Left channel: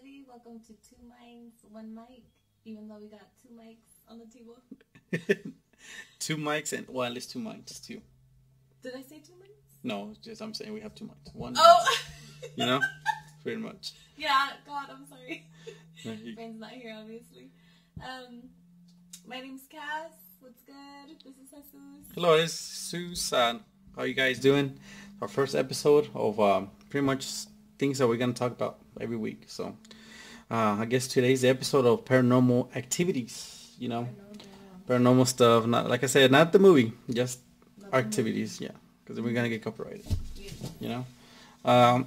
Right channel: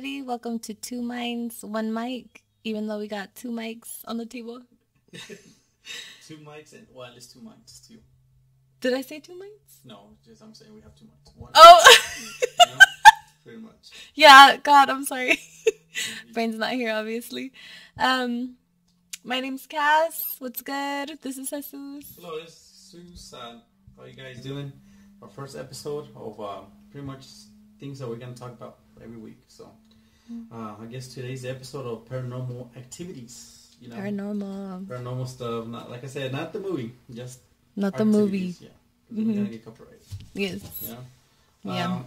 everybody. Welcome to Two Minds, One Mic, even though we got two mics on the table. Two mics and well, it's two mics, just two. Did I say two mics? No, just I'm saying we have two mics. One, Oh, you know, pretty much. yeah. God, I'm sorry. Yeah, Brain's not here, obviously. Um, my name's Cass. What's good? This is Jesus. Hello, it's Susan. How you guys doing? Our first episode of pretty much things that we're gonna talk about every week. So, I guess today's the episode of paranormal activities. You know, paranormal stuff. Not like I said, not the movie, just Not the activities. movie. Yeah, because we're gonna get copyrighted. Yes. You know. Yeah.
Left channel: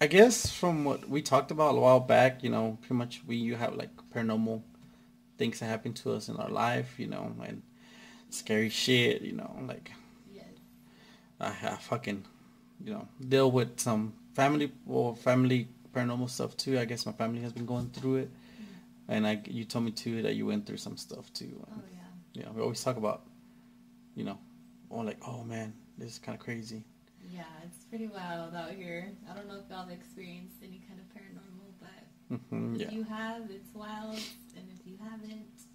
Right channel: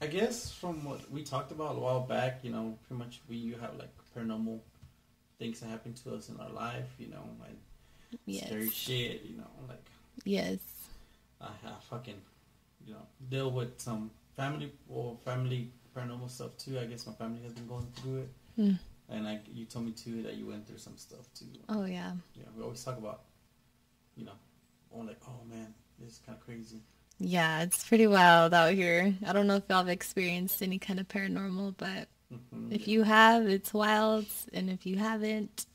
I guess from what we talked about a while back, you know, pretty much you have like paranormal things that happen to us in our life, you know, and Yes. scary shit, you know, like Yes. I fucking, you know, deal with some family paranormal stuff too. I guess my family has been going through it, and you told me too that you went through some stuff too. Oh, yeah. Yeah, we always talk about, you know, oh man, this is kind of crazy. Yeah, it's pretty wild out here. I don't know if y'all have experienced any kind of paranormal, but if you have, it's wild. And if you haven't,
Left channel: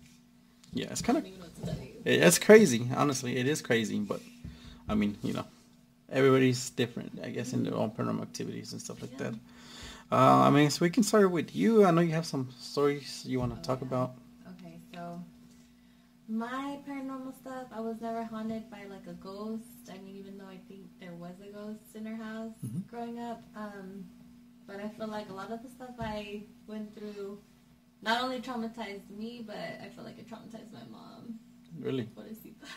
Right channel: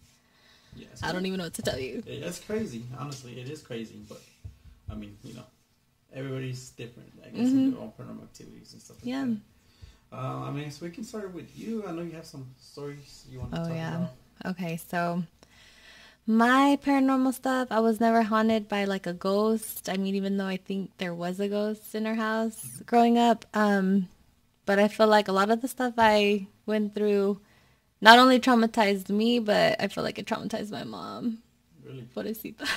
yeah, it's I don't even know what to tell you. It's crazy. Honestly, it is crazy. But I mean, you know, everybody's different, I guess, in their own paranormal activities and stuff like that. I mean, so we can start with you. I know you have some stories you want to talk about. Okay, so my paranormal stuff, I was never haunted by like a ghost. I mean, even though I think there was a ghost in our house growing up. But I feel like a lot of the stuff I went through not only traumatized me, but I feel like it traumatized my mom. Really? Pobrecita.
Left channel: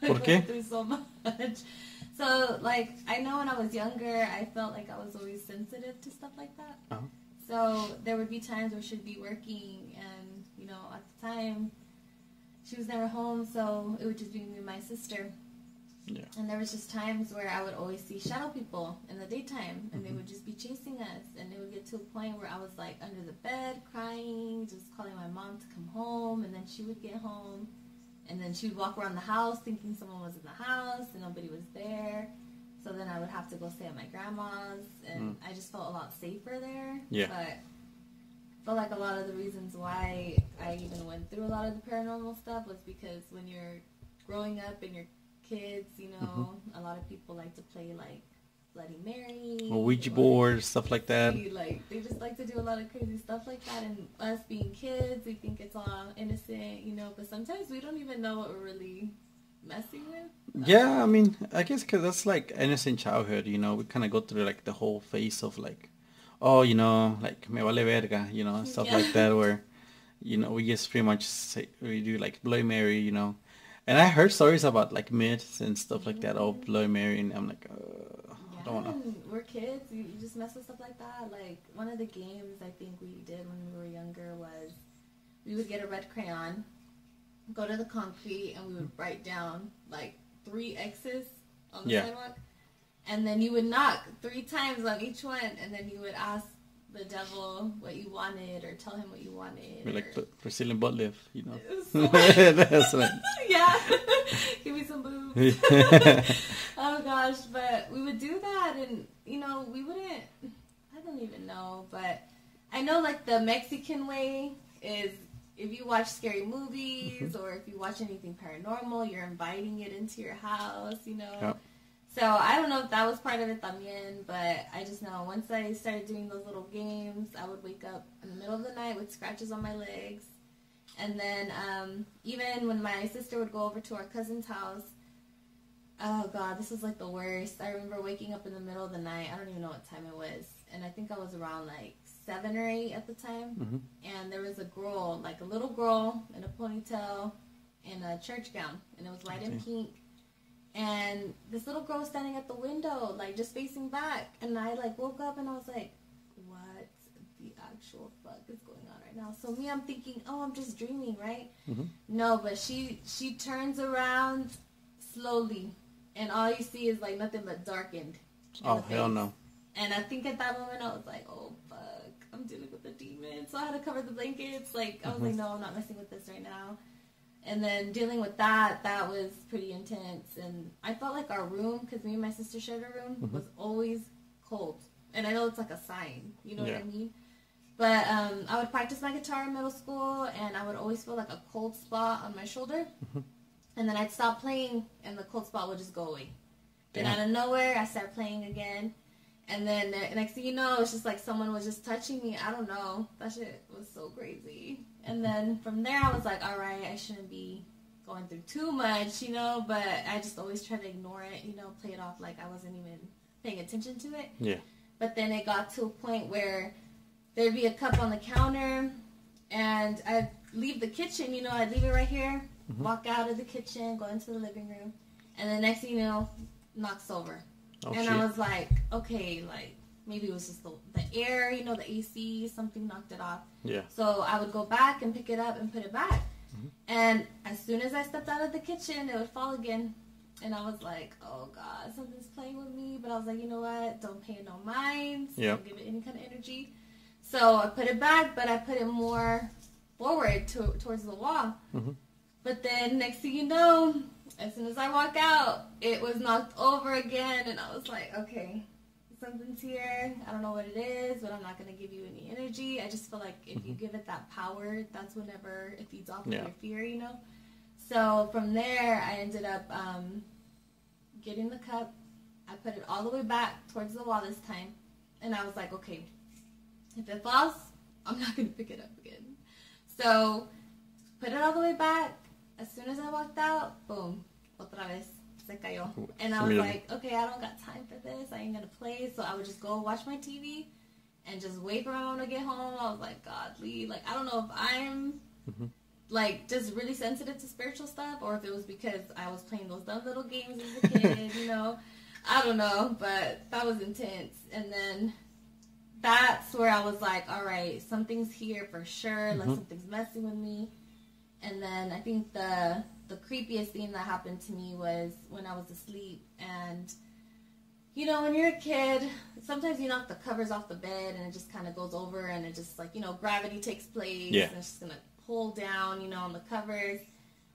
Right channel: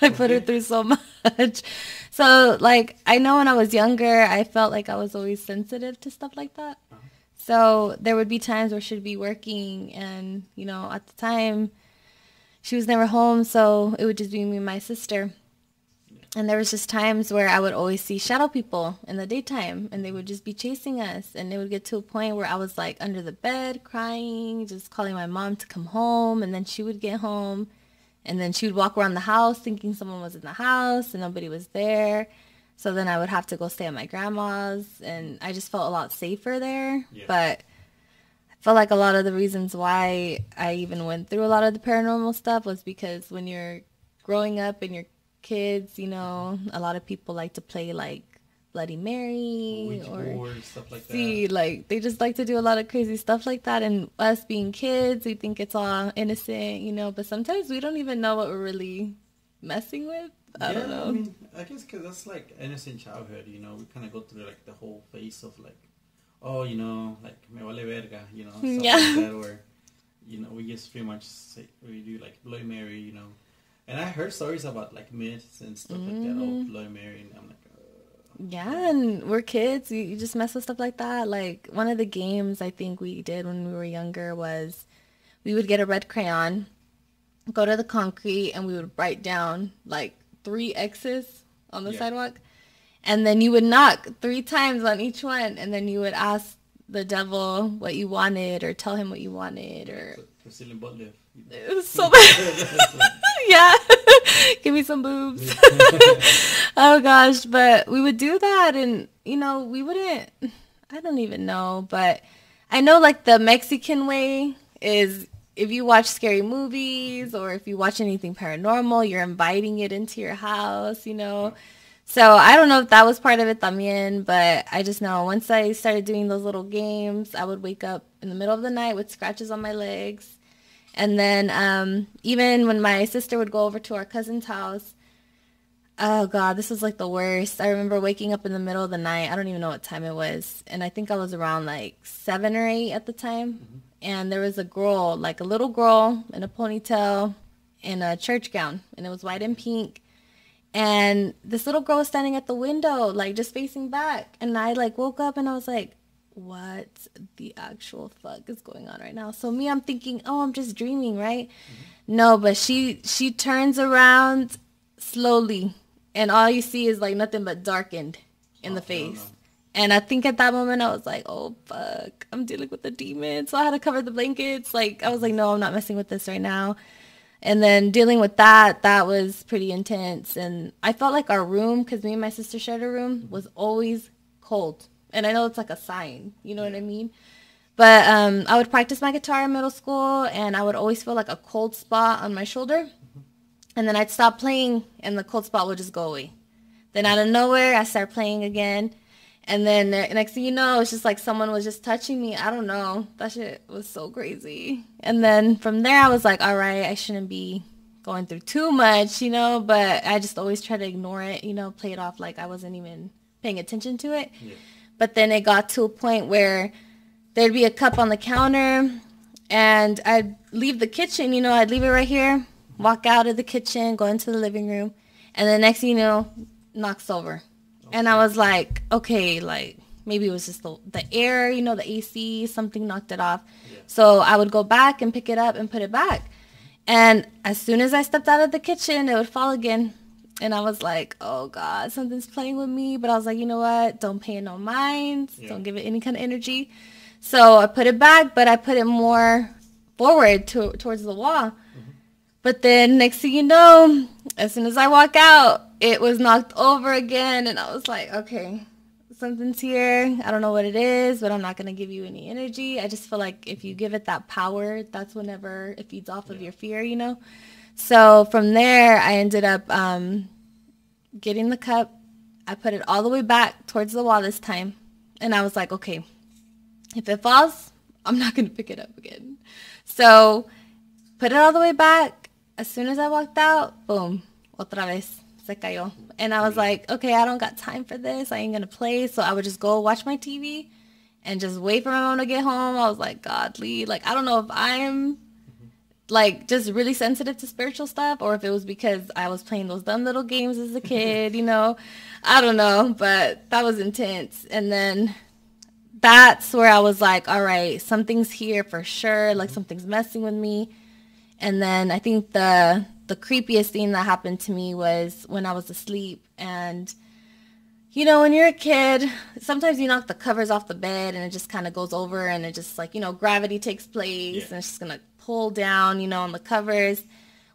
I put her through so much. So, like, I know when I was younger, I felt like I was always sensitive to stuff like that. Uh-huh. So there would be times where she'd be working and, you know, at the time, she was never home, so it would just be me and my sister. Yeah. And there was just times where I would always see shadow people in the daytime, and they would just be chasing us. And it would get to a point where I was, like, under the bed crying, just calling my mom to come home, and then she would get home. And then she would walk around the house thinking someone was in the house and nobody was there. So then I would have to go stay at my grandma's, and I just felt a lot safer there. Yeah. But I felt like a lot of the reasons why I even went through a lot of the paranormal stuff was because when you're growing up and you're kids, you know, a lot of people like to play like Bloody Mary. Or Ouija board, stuff like that. See, like, they just like to do a lot of crazy stuff like that. And us being kids, we think it's all innocent, you know. But sometimes we don't even know what we're really messing with. Yeah, I mean, I guess because that's like innocent childhood, you know. We kind of go through like the whole phase of like, oh, you know, like me vale verga, you know, stuff like that, where, you know, we just pretty much we do like Bloody Mary, you know. And I heard stories about like myths and stuff like that, oh, Bloody Mary, and I'm like, yeah, and we're kids. You just mess with stuff like that. Like, one of the games I think we did when we were younger was we would get a red crayon, go to the concrete, and we would write down like 3 X's on the sidewalk. And then you would knock 3 times on each one, and then you would ask the devil what you wanted or tell him what you wanted. like for stealing butt lift, you know. It was so bad. That's what, Yeah. Give me some boobs. Oh gosh, but we would do that, and you know, we wouldn't, I don't even know, but I know like the Mexican way is if you watch scary movies or if you watch anything paranormal, you're inviting it into your house, you know. Yeah. So I don't know if that was part of it también, but I just know once I started doing those little games, I would wake up in the middle of the night with scratches on my legs. And then even when my sister would go over to our cousin's house, oh God, this was like the worst. I remember waking up in the middle of the night. I don't even know what time it was. And I think I was around like 7 or 8 at the time. And there was a girl, like a little girl in a ponytail in a church gown. And it was white and pink. And this little girl was standing at the window, like just facing back. And I like woke up and I was like, what the actual fuck is going on right now? So I'm thinking, oh, I'm just dreaming, right? No, but she turns around slowly, and all you see is like nothing but darkened in the face. No. And I think at that moment I was like, oh fuck, I'm dealing with a demon. So I had to cover the blankets. Like, I was like, no, I'm not messing with this right now. And then dealing with that was pretty intense. And I felt like our room, because me and my sister shared a room, was always cold. And I know it's like a sign, you know what I mean? But I would practice my guitar in middle school, and I would always feel like a cold spot on my shoulder. And then I'd stop playing, and the cold spot would just go away. Then out of nowhere, I start playing again. And then next thing you know, it's just like someone was just touching me. I don't know. That shit was so crazy. And then from there, I was like, all right, I shouldn't be going through too much, you know, but I just always try to ignore it, you know, play it off like I wasn't even paying attention to it. Yeah. But then it got to a point where there'd be a cup on the counter, and I'd leave the kitchen, you know, I'd leave it right here, walk out of the kitchen, go into the living room, and the next thing you know, knocks over. Oh, and shit. I was like, okay, like maybe it was just the air, you know, the AC, something knocked it off. Yeah. So I would go back and pick it up and put it back. And as soon as I stepped out of the kitchen, it would fall again. And I was like, oh, God, something's playing with me. But I was like, you know what? Don't pay it no mind. Yeah. Don't give it any kind of energy. So I put it back, but I put it more forward towards the wall. But then next thing you know, as soon as I walk out, it was knocked over again. And I was like, okay, something's here. I don't know what it is, but I'm not going to give you any energy. I just feel like if you give it that power, that's whenever it feeds off of your fear, you know? So from there, I ended up getting the cup. I put it all the way back towards the wall this time. And I was like, okay, if it falls, I'm not going to pick it up again. So put it all the way back. As soon as I walked out, boom, otra vez. Se cayó. And I was like, okay, I don't got time for this. I ain't going to play. So I would just go watch my TV and just wait for my mom to get home. I was like, godly. Like, I don't know if I'm like just really sensitive to spiritual stuff, or if it was because I was playing those dumb little games as a kid, you know. I don't know, but that was intense. And then that's where I was like, all right, something's here for sure. Like something's messing with me. And then I think the creepiest thing that happened to me was when I was asleep. And, you know, when you're a kid, sometimes you knock the covers off the bed and it just kind of goes over, and it just like, you know, gravity takes place and it's just going to pull down, you know, on the covers.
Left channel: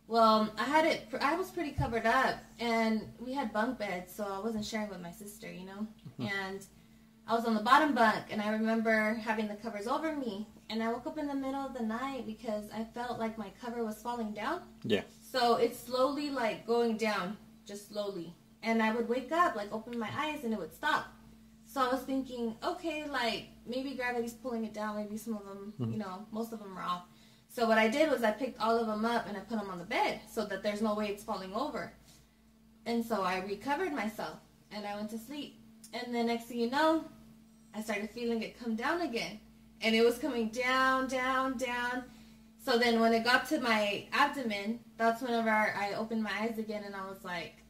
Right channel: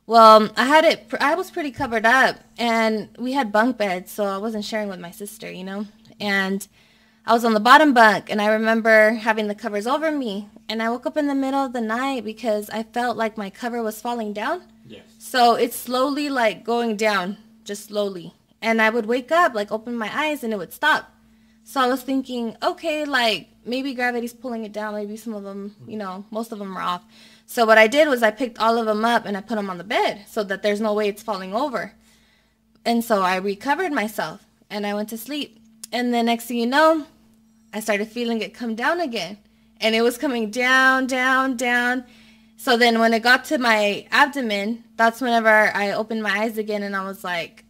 Well, I was pretty covered up, and we had bunk beds, so I wasn't sharing with my sister, you know. And I was on the bottom bunk, and I remember having the covers over me, and I woke up in the middle of the night because I felt like my cover was falling down. Yeah. So it's slowly like going down, just slowly. And I would wake up, like open my eyes, and it would stop. So I was thinking, okay, like maybe gravity's pulling it down. Maybe some of them, you know, most of them are off. So what I did was I picked all of them up and I put them on the bed so that there's no way it's falling over. And so I recovered myself and I went to sleep. And the next thing you know, I started feeling it come down again. And it was coming down, down, down. So then when it got to my abdomen, that's whenever I opened my eyes again, and I was like,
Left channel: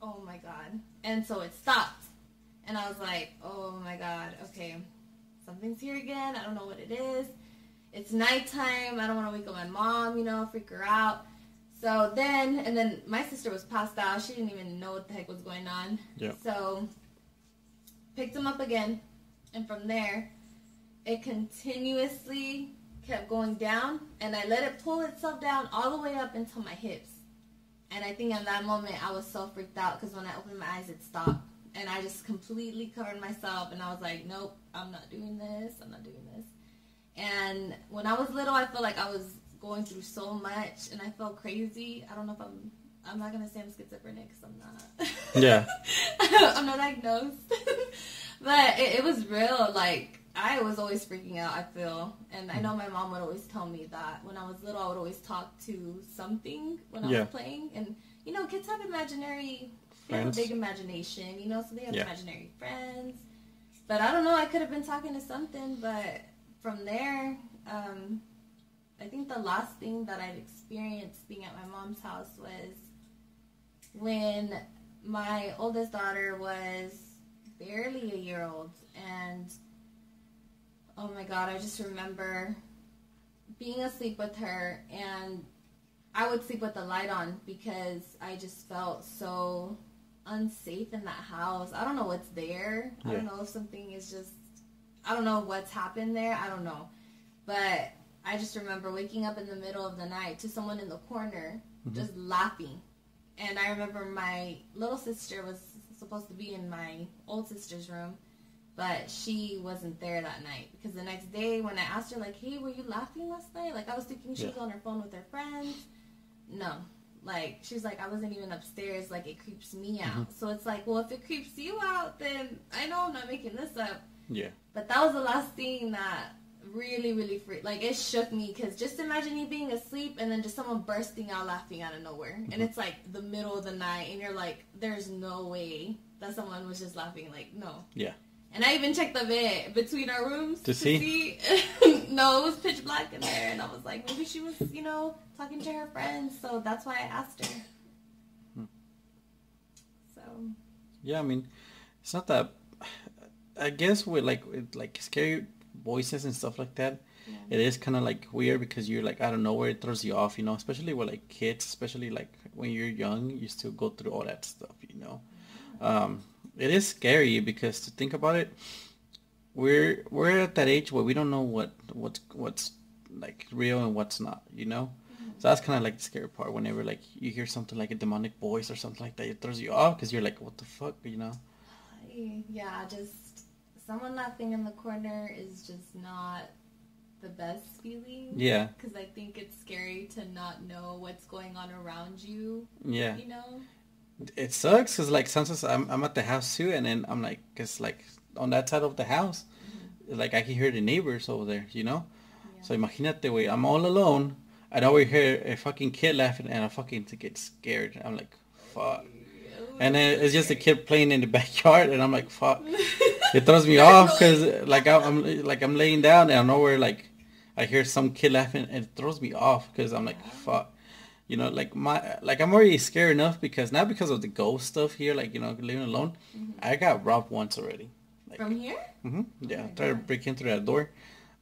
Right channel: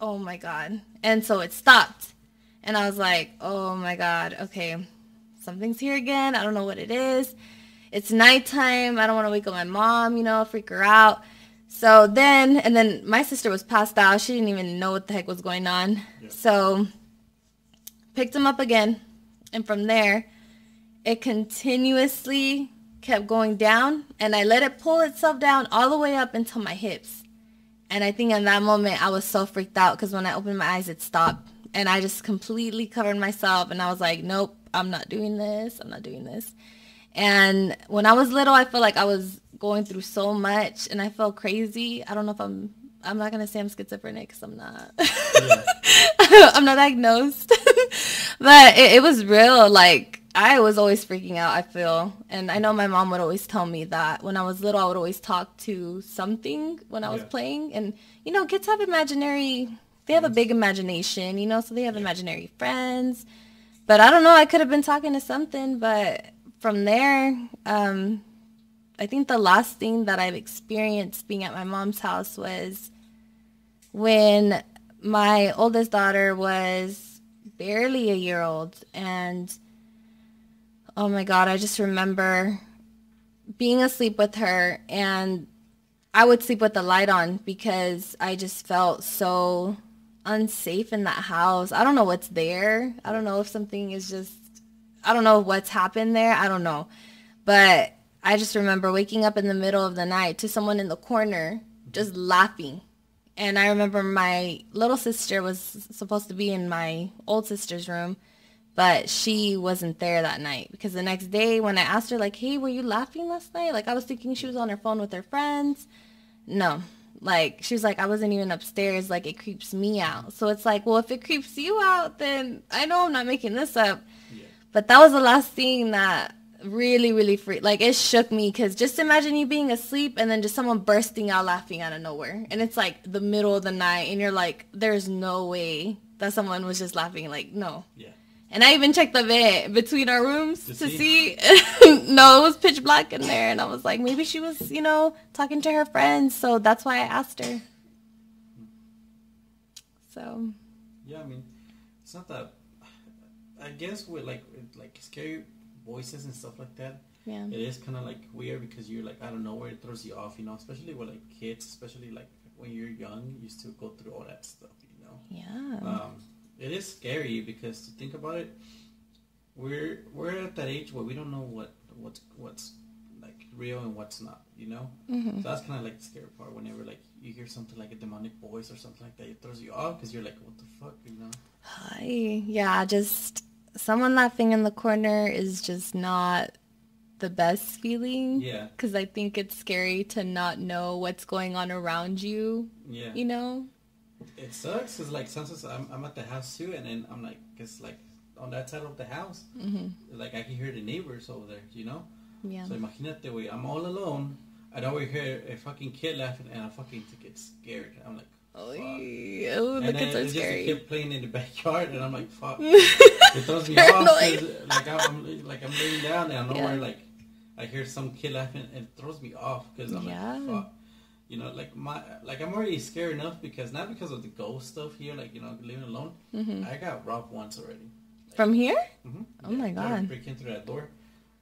oh my God. And so it stopped. And I was like, oh my God, okay, something's here again. I don't know what it is. It's nighttime. I don't want to wake up my mom, you know, freak her out. So then, and then my sister was passed out. She didn't even know what the heck was going on. Yeah. So picked him up again. And from there, it continuously kept going down. And I let it pull itself down all the way up until my hips. And I think in that moment, I was so freaked out because when I opened my eyes, it stopped. And I just completely covered myself. And I was like, nope, I'm not doing this. I'm not doing this. And when I was little, I felt like I was going through so much, and I felt crazy. I don't know if I'm not going to say I'm schizophrenic because I'm not. Yeah. I'm not diagnosed. But it was real. Like, I was always freaking out, I feel. And I know my mom would always tell me that when I was little, I would always talk to something when I was playing. And, you know, kids have they have a big imagination, you know, so they have imaginary friends. But I don't know, I could have been talking to something, but from there, I think the last thing that I've experienced being at my mom's house was when my oldest daughter was barely a year old. And oh my God, I just remember being asleep with her, and I would sleep with the light on because I just felt so unsafe in that house. I don't know what's there. I don't know if something is just, I don't know what's happened there. I don't know. But I just remember waking up in the middle of the night to someone in the corner just laughing. And I remember my little sister was supposed to be in my old sister's room, but she wasn't there that night because the next day when I asked her like, hey, were you laughing last night? Like I was thinking she was on her phone with her friends. No. Like she was like, I wasn't even upstairs. Like it creeps me out. So it's like, well, if it creeps you out, then I know I'm not making this up. Yeah. But that was the last thing that really, really like it shook me because just imagine you being asleep and then just someone bursting out laughing out of nowhere. And it's like the middle of the night and you're like, there's no way that someone was just laughing. Like, no. Yeah. And I even checked the bed between our rooms to see. No, it was pitch black in there. And I was like, maybe she was, talking to her friends. So that's why I asked her. So. Yeah, I mean, it's not that. I guess with like scary voices and stuff like that, yeah. It is kind of like weird because you're like, I don't know where it throws you off, especially with like kids, especially like when you're young, you still go through all that stuff, Yeah. It is scary because to think about it, we're at that age where we don't know what's like real and what's not, Mm-hmm. So that's kind of like the scary part. Whenever like you hear something like a demonic voice or something like that, it throws you off because you're like, what the fuck, Yeah, just someone laughing in the corner is just not the best feeling. Yeah. Because I think it's scary to not know what's going on around you. Yeah. It sucks because like sometimes I'm at the house too, and then I'm like, cause like on that side of the house, like I can hear the neighbors over there, Yeah. So imagínate, way I'm all alone, and I always hear a fucking kid laughing, and I fucking get scared. I'm like, fuck. And then it's just a kid playing in the backyard, and I'm like, fuck. It throws me off because like I'm laying down, and I know where like I hear some kid laughing, and it throws me off because I'm like, fuck. I'm already scared enough because not because of the ghost stuff here, like living alone. I got robbed once already. Like, from here? Mm-hmm. Oh yeah, my god! tried to break in through that door.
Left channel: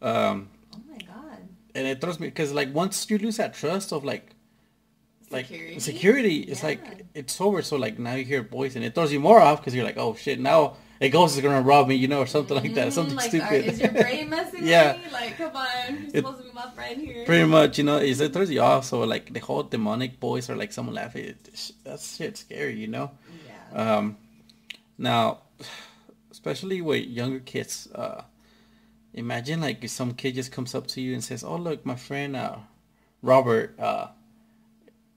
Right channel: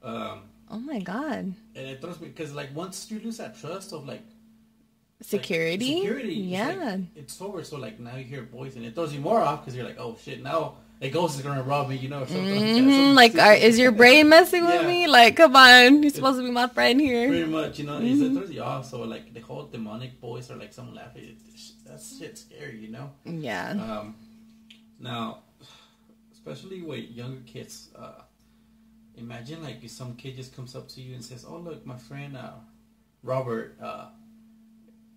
Oh my god! And it throws me because like once you lose that trust of like security, it's like it's over. So like now you hear a voice and it throws you more off because you're like, oh shit, now a ghost is gonna rob me, or something like that. Something like, is your brain messing with me? Like, come on, you're supposed to be my friend here. Pretty much, it throws you off. So like the whole demonic voice or like someone laughing, that's shit scary, Yeah. Now, especially with younger kids, imagine like if some kid just comes up to you and says, "Oh look, my friend Robert, I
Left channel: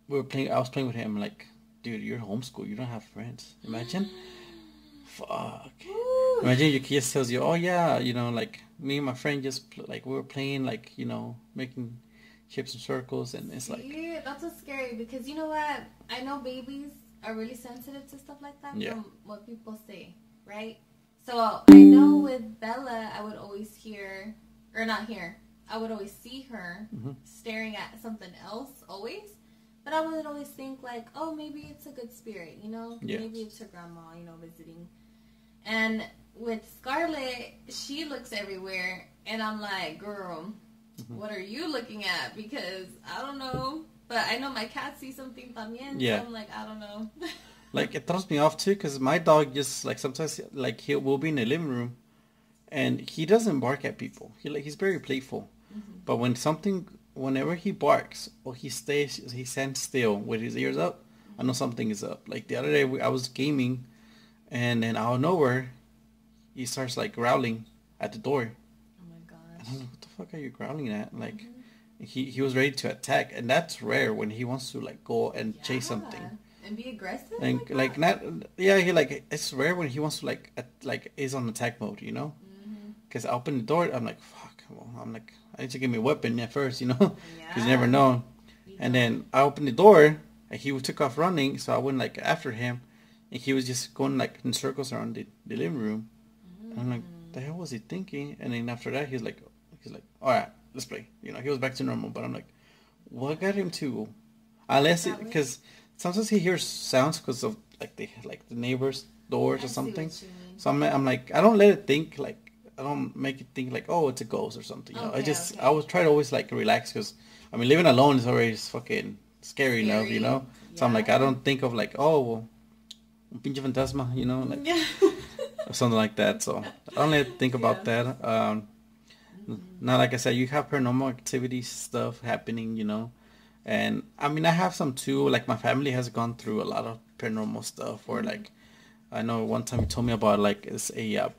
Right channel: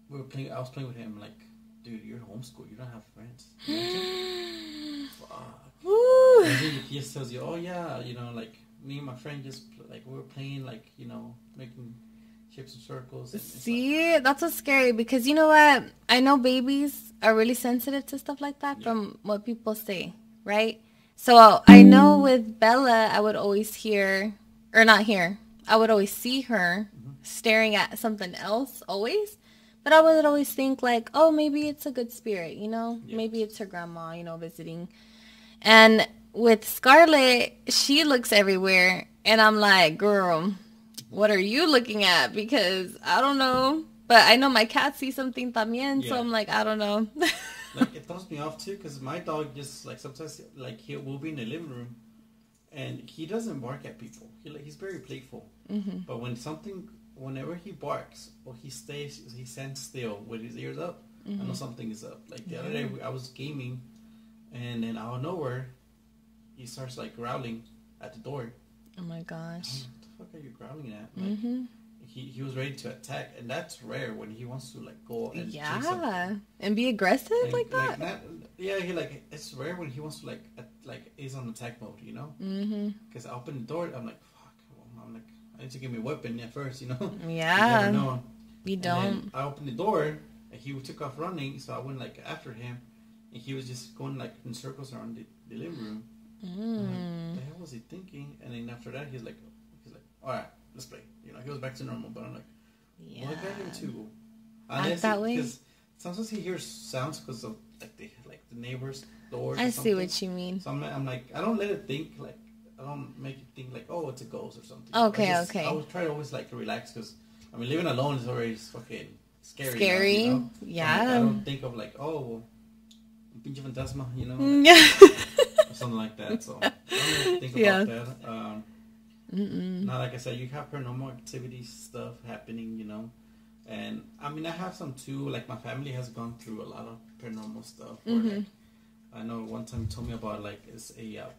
was playing with him." Like, dude, you're homeschooled. You don't have friends. Imagine. Fuck. Woo. Imagine your kid tells you, "Oh yeah, like me and my friend just we were playing making shapes and circles." And it's that's what's scary because you know what? I know babies are really sensitive to stuff like that from what people say, right? So I know with Bella, I would always I would always see her staring at something else always. But I would always think like, oh, maybe it's a good spirit, Maybe it's her grandma, visiting. And with Scarlett, she looks everywhere. And I'm like, girl, what are you looking at? Because I don't know. But I know my cat sees something también. Yeah. So I'm like, I don't know. Like, it throws me off too because my dog just like sometimes like we'll be in the living room and he doesn't bark at people. He's very playful. But whenever he barks or he stands still with his ears up, I know something is up. Like the other day I was gaming and then out of nowhere he starts like growling at the door. Oh my gosh. I'm like, what the fuck are you growling at? Like he was ready to attack, and that's rare when he wants to like go and chase something and be aggressive like that. It's rare when he wants to like is on attack mode, because I open the door, I'm like, fuck. Well, I'm like, I need to get my weapon at first, Yeah. You never know. Then I opened the door and he took off running, so I went like after him, and he was just going like in circles around the living room. I'm like, the hell was he thinking? And then after that he's like, all right, let's play. He was back to normal, but I'm like, what got him to? Unless because sometimes he hears sounds because of like the neighbors' doors or something. I see what you mean. So I'm like, I don't let it think like, I don't make it think like, oh, it's a ghost or something. Okay, I would try to always like relax because I mean living alone is already fucking scary enough, Yeah. So I'm like, I don't think of like, oh, well, un pinche fantasma, or something like that. So I don't really think about that. Now, like I said, you have paranormal activity stuff happening, and I mean, I have some too. Like my family has gone through a lot of paranormal stuff. Where like, I know one time you told me about like it's a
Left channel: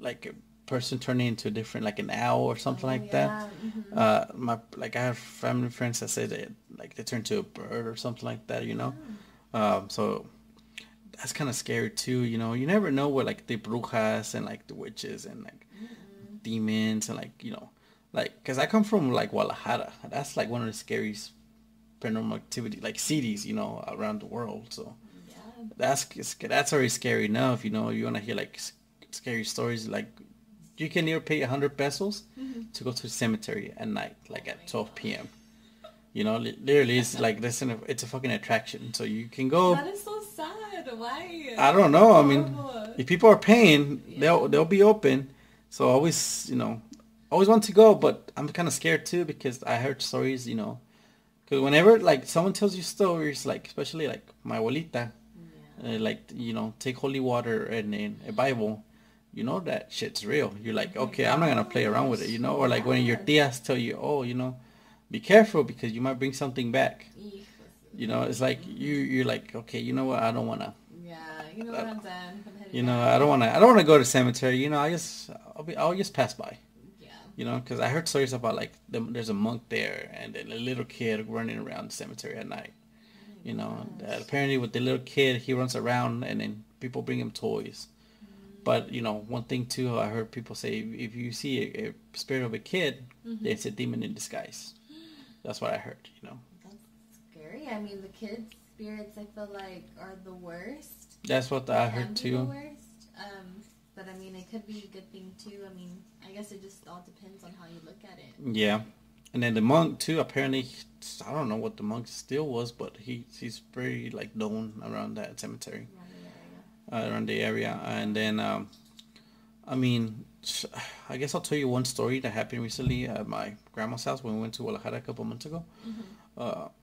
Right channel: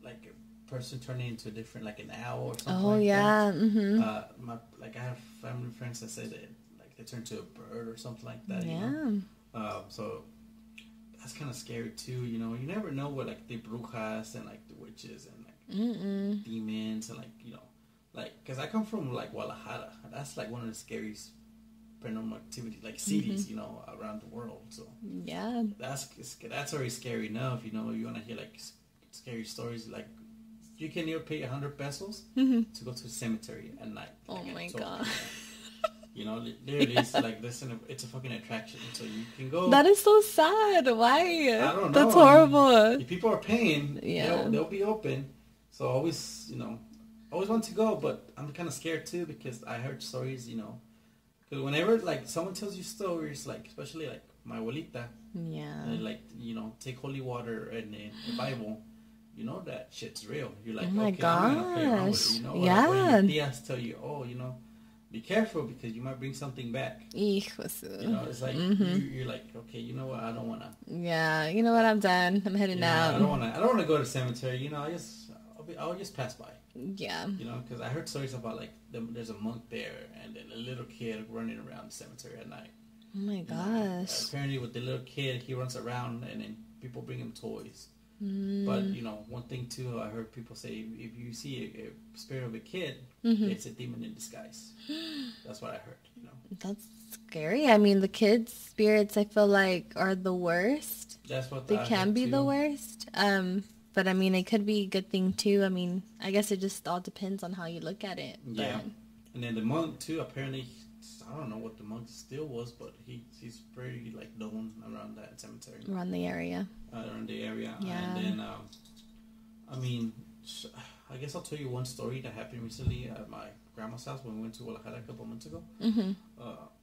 like a person turning into a different, like an owl or something like yeah. that. I have family friends that say that like they turn to a bird or something like that. You know, so that's kind of scary too. You know, you never know what like the brujas and like the witches and like demons and like like because I come from like Guadalajara. That's like one of the scariest paranormal activity like cities around the world. So yeah, that's already scary enough. You want to hear like scary stories. Like you can either pay 100 pesos to go to the cemetery at night, like at 12 p.m. Literally, it's like this. It's a fucking attraction. So you can go. That is so sad. Why? I don't know. That's horrible. If people are paying, they'll be open. So always, always want to go, but I'm kind of scared too because I heard stories, because whenever like someone tells you stories, like especially like my abuelita, like take holy water and a Bible. That shit's real. You're like, okay, I'm not gonna play around with it, or like when your tias tell you, oh, be careful because you might bring something back. It's like you're like, okay, you know what? I don't wanna. Yeah, you know what? I'm done. I'm heading out. I don't wanna go to the cemetery. I'll just pass by. Yeah. Because I heard stories about like there's a monk there and then a little kid running around the cemetery at night. Oh my gosh. Apparently with the little kid, he runs around and then people bring him toys. But one thing too, I heard people say if you see a spirit of a kid, it's a demon in disguise. That's what I heard. That's scary. I mean, the kids' spirits, I feel like, are the worst. That's what they can be the worst. But I mean, it could be a good thing too. I mean, I guess it just all depends on how you look at it. Yeah, and then the monk too. Apparently, I don't know what the monk still was, but he's pretty like known around that cemetery. Around the area. Yeah. And then I mean, I guess I'll tell you one story that happened recently at my grandma's house when we went to Guadalajara a couple months ago.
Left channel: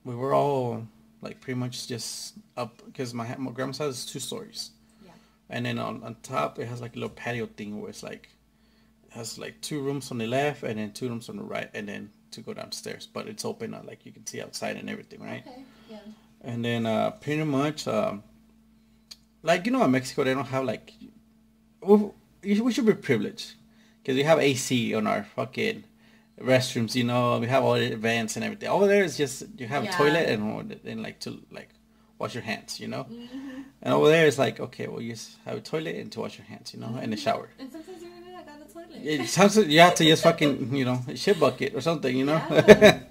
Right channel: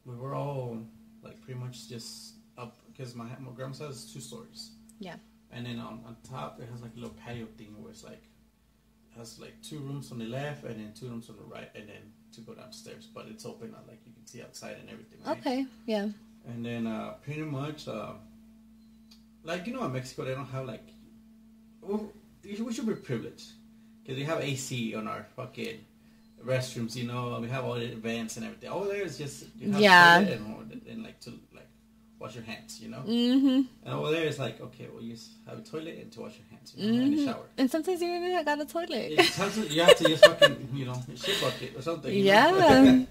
We were all like pretty much just up because my grandma's house is 2 stories. Yeah. And then on top it has like a little patio thing where it's like it has like 2 rooms on the left and then 2 rooms on the right and then to go downstairs, but it's open, like you can see outside and everything, right? Okay, yeah. And then pretty much like in Mexico they don't have like we should be privileged because we have AC on our fucking restrooms. We have all the vents and everything. Over there is just you have a toilet and like to like wash your hands, And over there it's like, okay, well, you just have a toilet and to wash your hands, and a shower. And sometimes you even got a toilet. Sometimes you have to just fucking, a shit bucket or something, Yeah.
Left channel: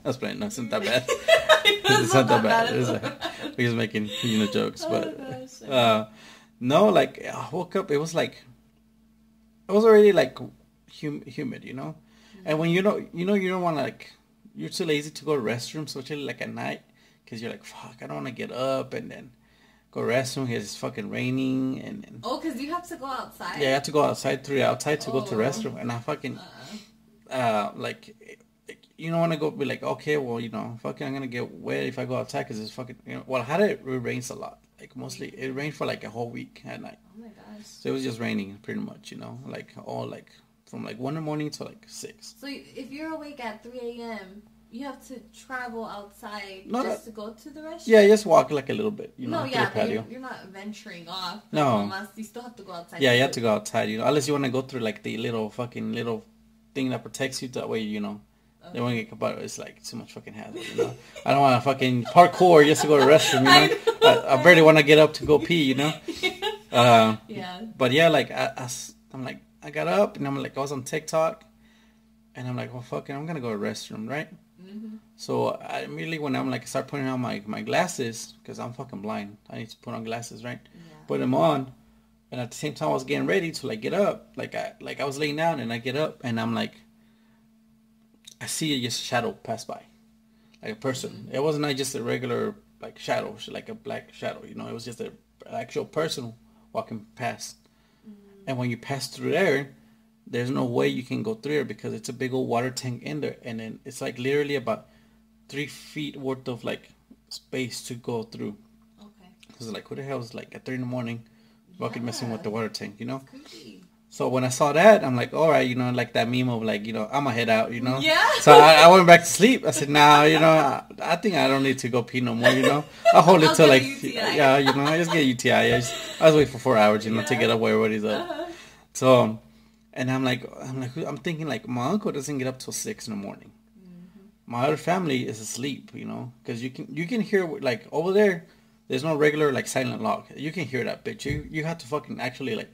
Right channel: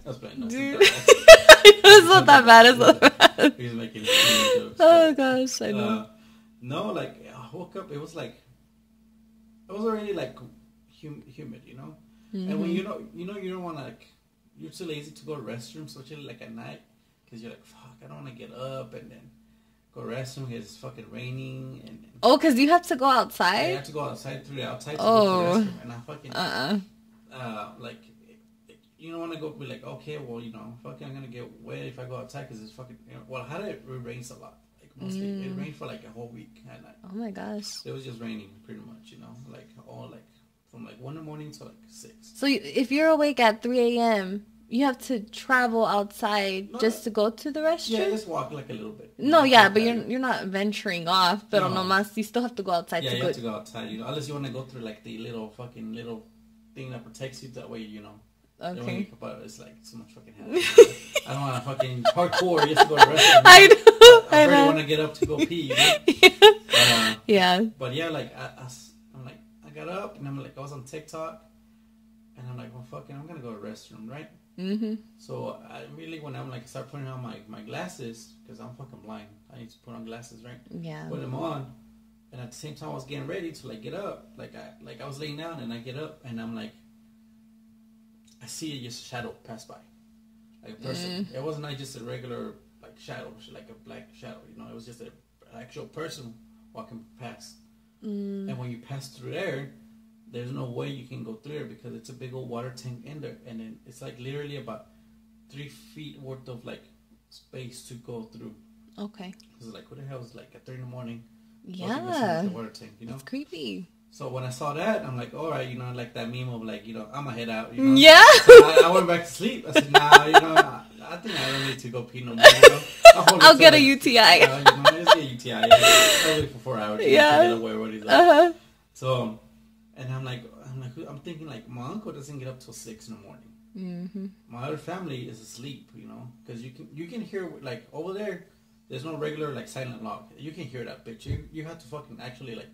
I was playing. No, it's not that bad. It's not that bad. It's not bad. We're just making humor jokes. Oh, gosh. I know. No, like, I woke up, it was already, like, humid, And when you don't want to, like, you're too lazy to go to the restroom, especially, like, at night. Because you're like, fuck, I don't want to get up and then go to the restroom because it's fucking raining. And because you have to go outside? Yeah, you have to go outside to go to the restroom. And I fucking, like, you don't want to go be like, okay, well, fucking I'm going to get wet if I go outside because it's fucking, well, it rains a lot. Like, mostly, it rained for, like, a whole week at night. Oh, my gosh. So it was just raining pretty much, like, all, like, from, like, 1 in the morning to, like, 6. So if you're awake at 3 a.m., you have to travel outside just to go to the restroom? Yeah, just walk like a little bit. But you're not venturing off. But nomás, you still have to go outside. Yeah, you have to go outside, unless you want to go through like the little thing that protects you. That way, Okay. They won't get, but it's like too much fucking hazard. I don't want to fucking parkour just to go to the restroom. I barely want to get up to go pee. Yeah. But yeah, like I'm like I got up and I'm like I was on TikTok, and I'm like, well, fuck it, I'm gonna go to the restroom, right? So I immediately when I'm like start putting on my glasses because I'm fucking blind. I need to put on glasses, right? Yeah. Put them on, and at the same time I was getting ready to like get up, like I was laying down and I get up and I'm like. I see just a shadow pass by, like a person. It wasn't like just a regular like shadow, like a black shadow. It was just an actual person walking past. And when you pass through there, there's no way you can go through there because it's a big old water tank in there, and then it's like literally about 3 feet worth of like space to go through. Okay. Because like, who the hell is like at 3 in the morning walking messing with the water tank? It's creepy. So when I saw that, I'm like, all right, like that meme of like, I'm gonna head out, Yeah. So I went back to sleep. I said, nah, I think I don't need to go pee no more, I'll get a UTI. Yeah, I just get a UTI. I was waiting for 4 hours, to get away what he's up. So, And I'm thinking like my uncle doesn't get up till 6 in the morning. Mm-hmm. My other family is asleep, because you can hear like over there. There's no regular like silent lock. You can hear that bitch. You have to fucking actually like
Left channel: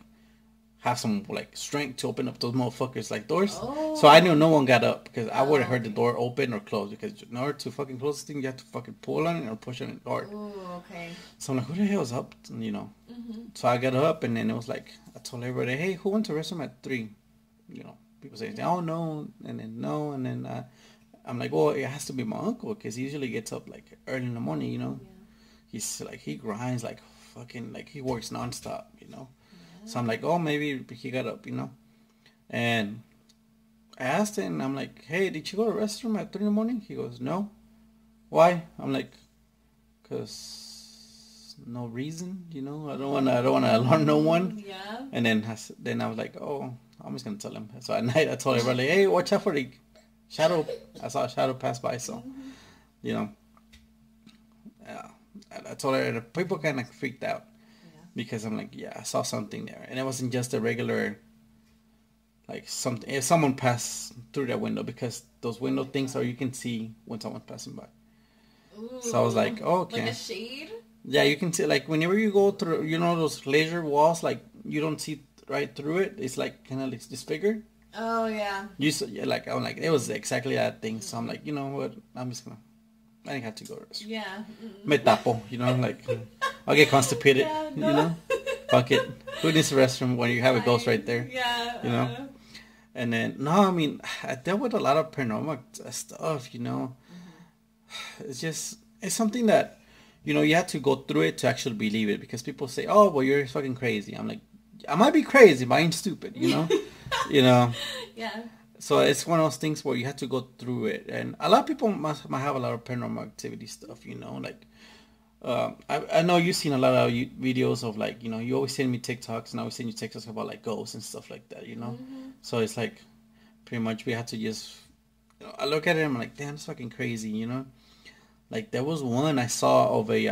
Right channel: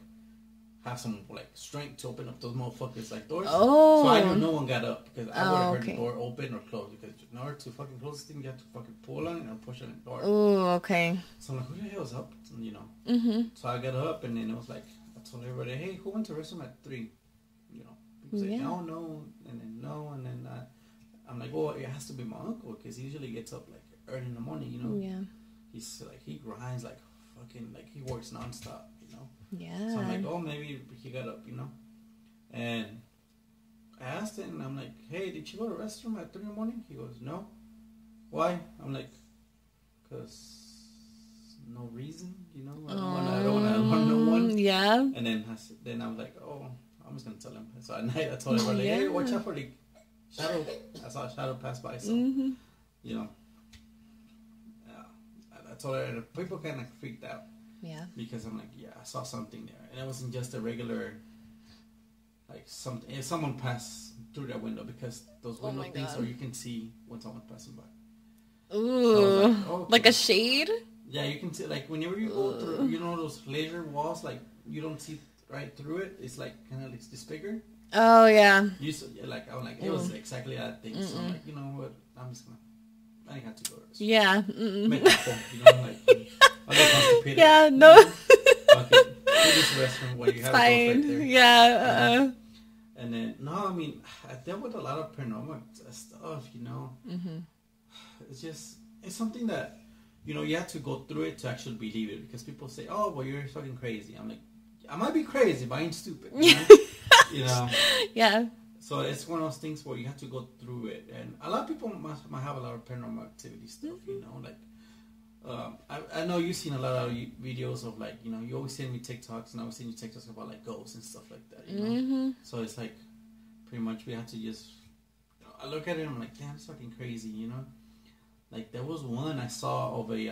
have some like strength to open up those motherfuckers like doors. Oh. So I knew no one got up because I would have heard okay. the door open or close, because in order to fucking close this thing, you have to fucking pull on it or push on the door. Oh, okay. So I'm like, who the hell's up? Mm-hmm. So I got up, and then it was like, I told everybody, hey, who went to the restroom at 3? People say, oh no, and then no, and then I'm like, well, it has to be my uncle because he usually gets up like early in the morning. Yeah. He's like, he grinds like fucking, like he works nonstop. Yeah. So I'm like, oh, maybe he got up. And I asked him, I'm like, hey, did you go to the restroom at 3 in the morning? He goes, no. Why? I'm like, because no reason, I don't want to alarm no one. Yeah. And then I was like, oh, I'm just gonna tell him. So at night I told everybody, hey, watch out for the shadow. I saw a shadow pass by, so yeah. I told her, people kind of freaked out. Yeah. Because I'm like, yeah, I saw something there, and it wasn't just a regular, like something. If someone passed through that window, because those window things, or you can see when someone's passing by. Ooh. So I was like, oh, okay. Like a shade. Yeah, you can see, like whenever you go through, those laser walls, like you don't see right through it. It's like kind of like disfigured. Oh yeah. I'm like, it was exactly that thing. So I'm like, you know what? I'm just gonna. I didn't have to go to the restroom. Yeah. Me tapo, like I'll get constipated. Yeah. No. Fuck it. Go to this restroom where you have a ghost right there. Yeah. And then no, I mean, I dealt with a lot of paranormal stuff. It's something that you have to go through it to actually believe it, because people say, oh, well, you're fucking crazy. I'm like, I might be crazy, but I ain't stupid. Yeah. So it's one of those things where you have to go through it, and a lot of people might have a lot of paranormal activity stuff. I know you've seen a lot of videos of like, you always send me TikToks, and I always send you TikToks about like ghosts and stuff like that. So it's like pretty much we have to just. I look at it and I'm like, damn, it's fucking crazy. Like there was one I saw of a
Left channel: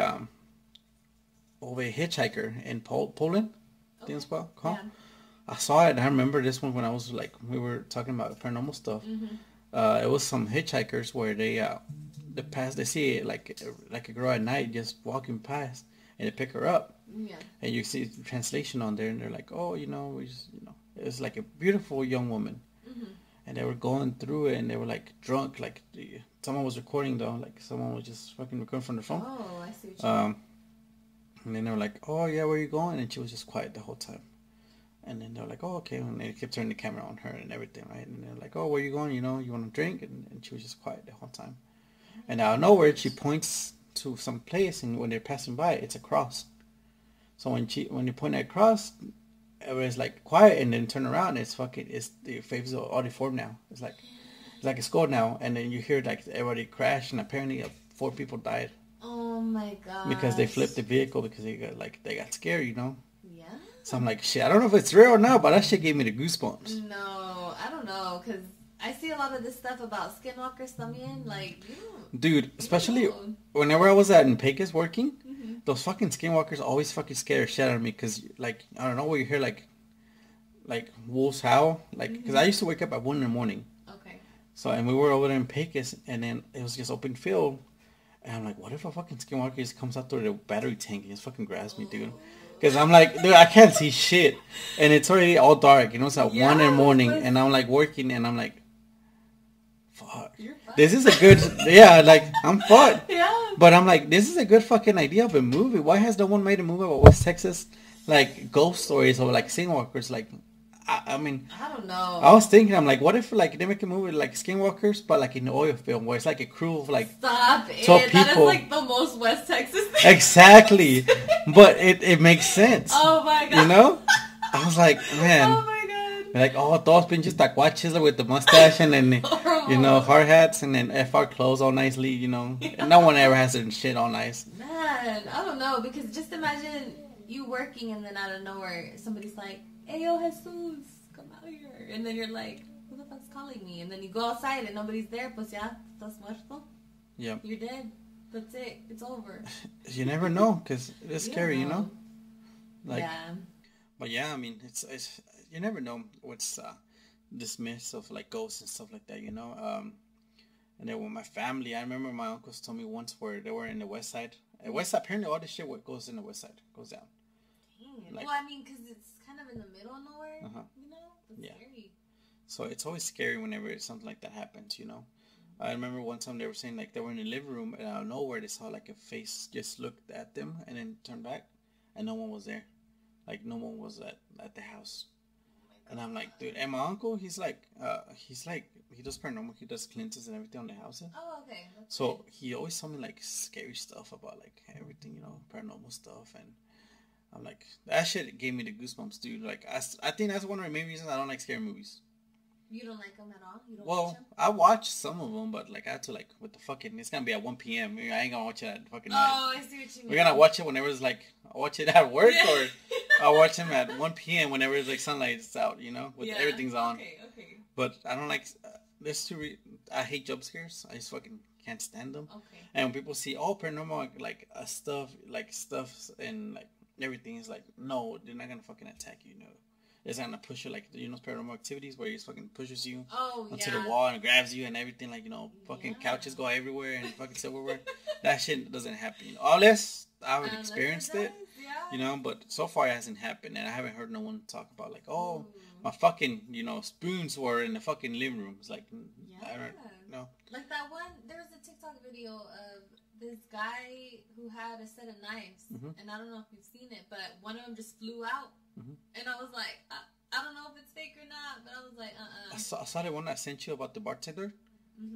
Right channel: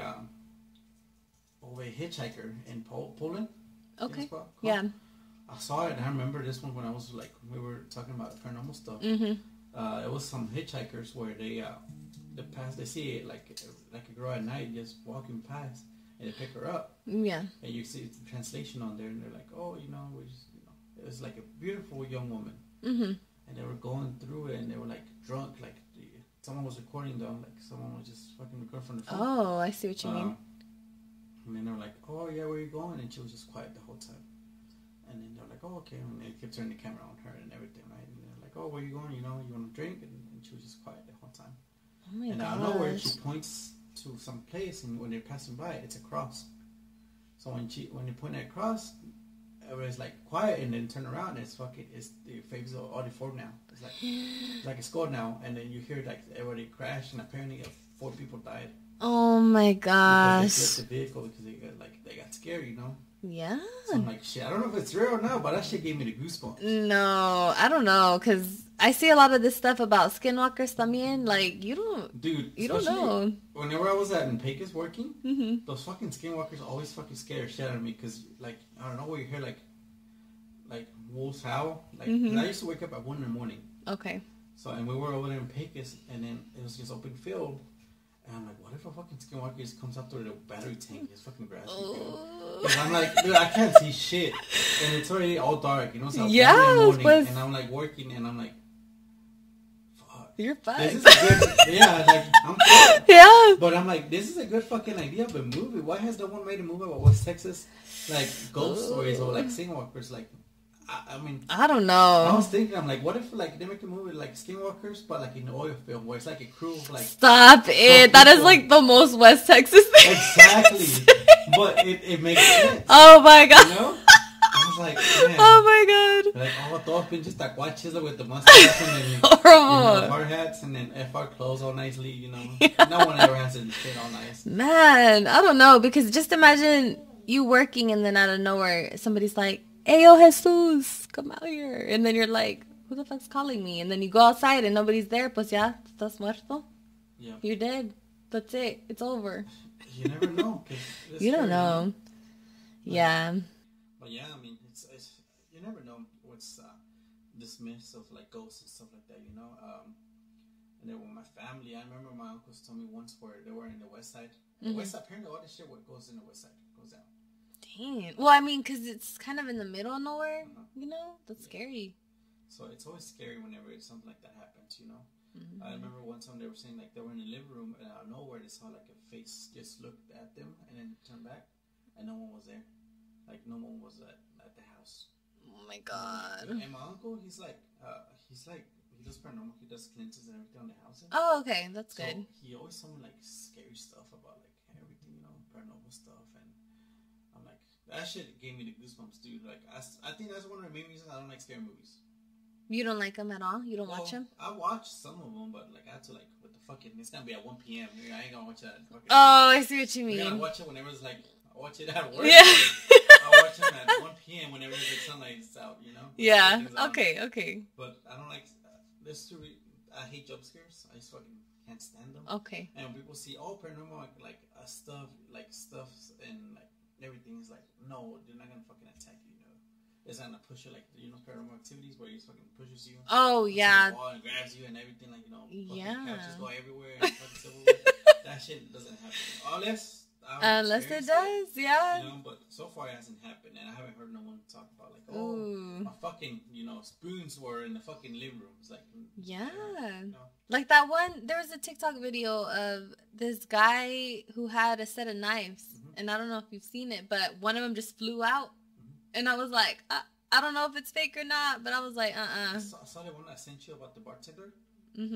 hitchhiker in Poland. Okay. Yeah. I saw it, and I remember this one when I was like, we were talking about paranormal stuff. It was some hitchhikers where they see it like a girl at night just walking past, and they pick her up. Yeah. And you see the translation on there, and they're like, oh, it was like a beautiful young woman. And they were going through it, and they were like drunk, like someone was recording though, like someone was just fucking recording from the phone. Oh, I see what you mean. And then they were like, oh yeah, where are you going? And she was just quiet the whole time. And then they're like, oh, okay. And they kept turning the camera on her and everything, right? And they're like, oh, where are you going? You want to drink? And she was just quiet the whole time. Oh, and out of nowhere, she points to some place, and when they're passing by, it's a cross. So when you point at cross, everybody's like quiet, and then turn around, the faces are all deformed now. It's like a skull now, and then you hear like everybody crash, and apparently 4 people died. Oh my gosh! Because they flipped the vehicle because they got scared, Yeah. So I'm like, shit, I don't know if it's real or not, but that shit gave me the goosebumps. No, I don't know, because I see a lot of this stuff about skinwalkers también. Like, you don't... Dude, especially don't know. Whenever I was in Pecos working, those fucking skinwalkers always fucking scare the shit out of me, because, like, I don't know, where you hear, like wolves howl. Like, because I used to wake up at 1 in the morning. Okay. So, and we were over there in Pecos, and then it was just open field. And I'm like, what if a fucking skinwalker just comes out through the battery tank and just fucking grabs me, dude? Because I'm like, dude, I can't see shit. And it's already all dark, It's like 1 in the morning. And I'm like working, and I'm like, fuck. You're fucked. This is a good, yeah, like, I'm fucked. Yeah. But I'm like, this is a good fucking idea of a movie. Why has no one made a movie about West Texas, like, ghost stories or, like, skinwalkers? Like, I mean, I don't know. I was thinking, I'm like, what if like they make a movie like Skinwalkers, but like in an oil film where it's like a crew of like. Stop it! That is like the most West Texas thing. Exactly, but it makes sense. Oh my god! I was like, man. Oh my god! Like todos pinches tacuaches with the mustache and then hard hats and then FR clothes all nicely. Yeah. No one ever has their shit all nice. Man, I don't know, because just imagine you working and then out of nowhere somebody's like, hey, yo, Jesus, come out here. And then you're like, who the fuck's calling me? And then you go outside and nobody's there. Pues ya, estás muerto. Yeah. You're dead. That's it. It's over. You never know, because it's you scary, don't know. Like, yeah. But yeah, I mean, it's you never know what's this myth of like ghosts and stuff like that, you know. And then with my family, I remember my uncles told me once where they were in the west side. And west side, apparently all this shit what goes in the west side goes down. Damn. Like, well, I mean, because it's kind of in the middle of nowhere, you know? That's scary. So it's always scary whenever something like that happens, you know? I remember one time they were saying like they were in the living room and out of nowhere they saw like a face just looked at them and then turned back and no one was there. Like no one was at the house. Oh my god. And I'm like, dude, and my uncle, he's like he does paranormal, he does cleanses and everything on the house. Oh, okay, that's good. So he always told me like scary stuff about like everything, you know, paranormal stuff, and I'm like, that shit gave me the goosebumps, dude. Like I think that's one of the main reasons I don't like scary movies. You don't like them at all? You don't watch them? I watch some of them, but like I had to like with the fucking. It's gonna be at 1 p.m. I ain't gonna watch it at fucking. Oh, I see what you mean. We're gonna watch it whenever it's like I watch it at work. Yeah. Or I watch them at 1 p.m. whenever it's like sunlight's out. You know. Yeah. Okay. But I don't like. There's two. I hate jump scares. I just fucking can't stand them. Okay. And when people see paranormal like stuff and like everything is like no, they're not gonna fucking attack you. No. It's gonna push you like paranormal activities where it fucking pushes you. Oh onto yeah. the wall and grabs you and everything like fucking couches go everywhere and fucking silverware. That shit doesn't happen unless I've experienced it. Yeah. You know, but so far it hasn't happened and I haven't heard no one talk about like my fucking spoons were in the fucking living room. It's like like that one. There was a TikTok video of this guy who had a set of knives and I don't know if you've seen it, but one of them just flew out. And I was like, I don't know if it's fake or not, but I was like, I saw the one I sent you about the bartender,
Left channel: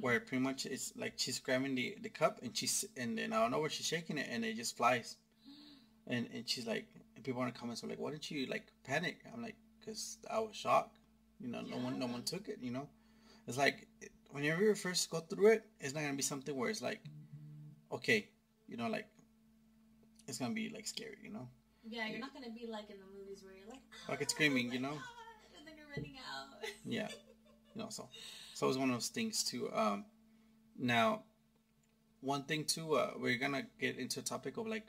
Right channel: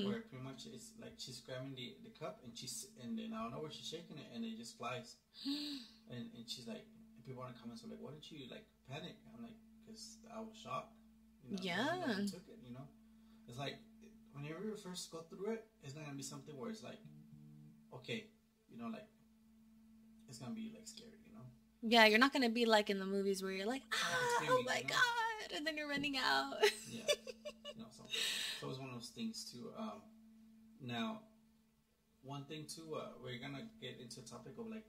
where pretty much it's like she's grabbing the cup and then I don't know where she's shaking it and it just flies, and she's like, and people in the comments were like, why didn't you like panic? I'm like, because I was shocked, no one took it, It's like whenever you first go through it, it's not gonna be something where it's like, okay, like it's gonna be like scary, Yeah, you're not going to be like in the movies where you're like, it's screaming, oh my god, and then you're running out. Yeah. So it's one of those things too. Now, one thing too, we're going to get into a topic of like,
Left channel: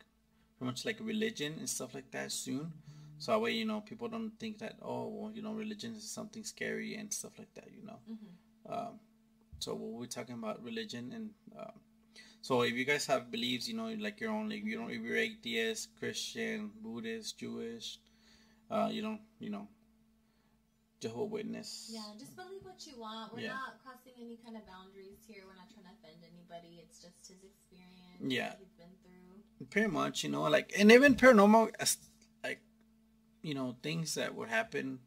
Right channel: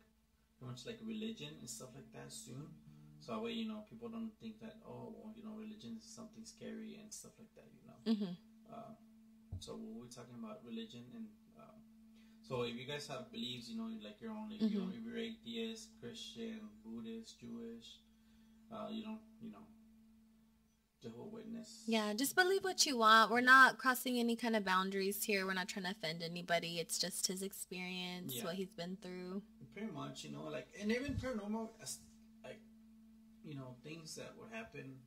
pretty much like religion and stuff like that soon. So that way, people don't think that, religion is something scary and stuff like that, So we'll be talking about religion and, so if you guys have beliefs, like your own, like, if you're atheist, Christian, Buddhist, Jewish, Jehovah's Witness. Yeah, just believe what you want. We're not crossing any kind of boundaries here. We're not trying to offend anybody. It's just his experience, what he's been through. Pretty much, like, and even paranormal, like, things that would happen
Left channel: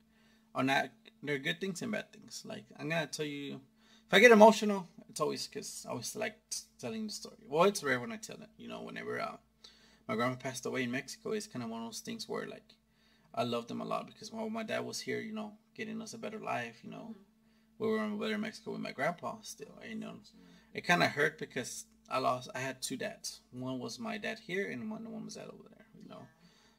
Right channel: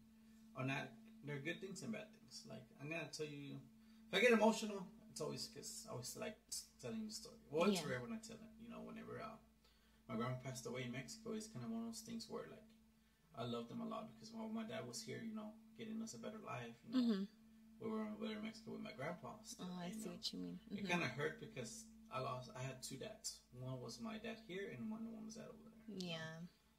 are not, they're good things and bad things. Like, I'm going to tell you, if I get emotional, it's always because I always like telling the story. Well, it's rare when I tell it. Whenever my grandma passed away in Mexico, it's kind of one of those things where like I loved them a lot because while my dad was here, getting us a better life, we were in Mexico with my grandpa still. It kind of hurt because I had two dads. One was my dad here, and one was dad over there. You know?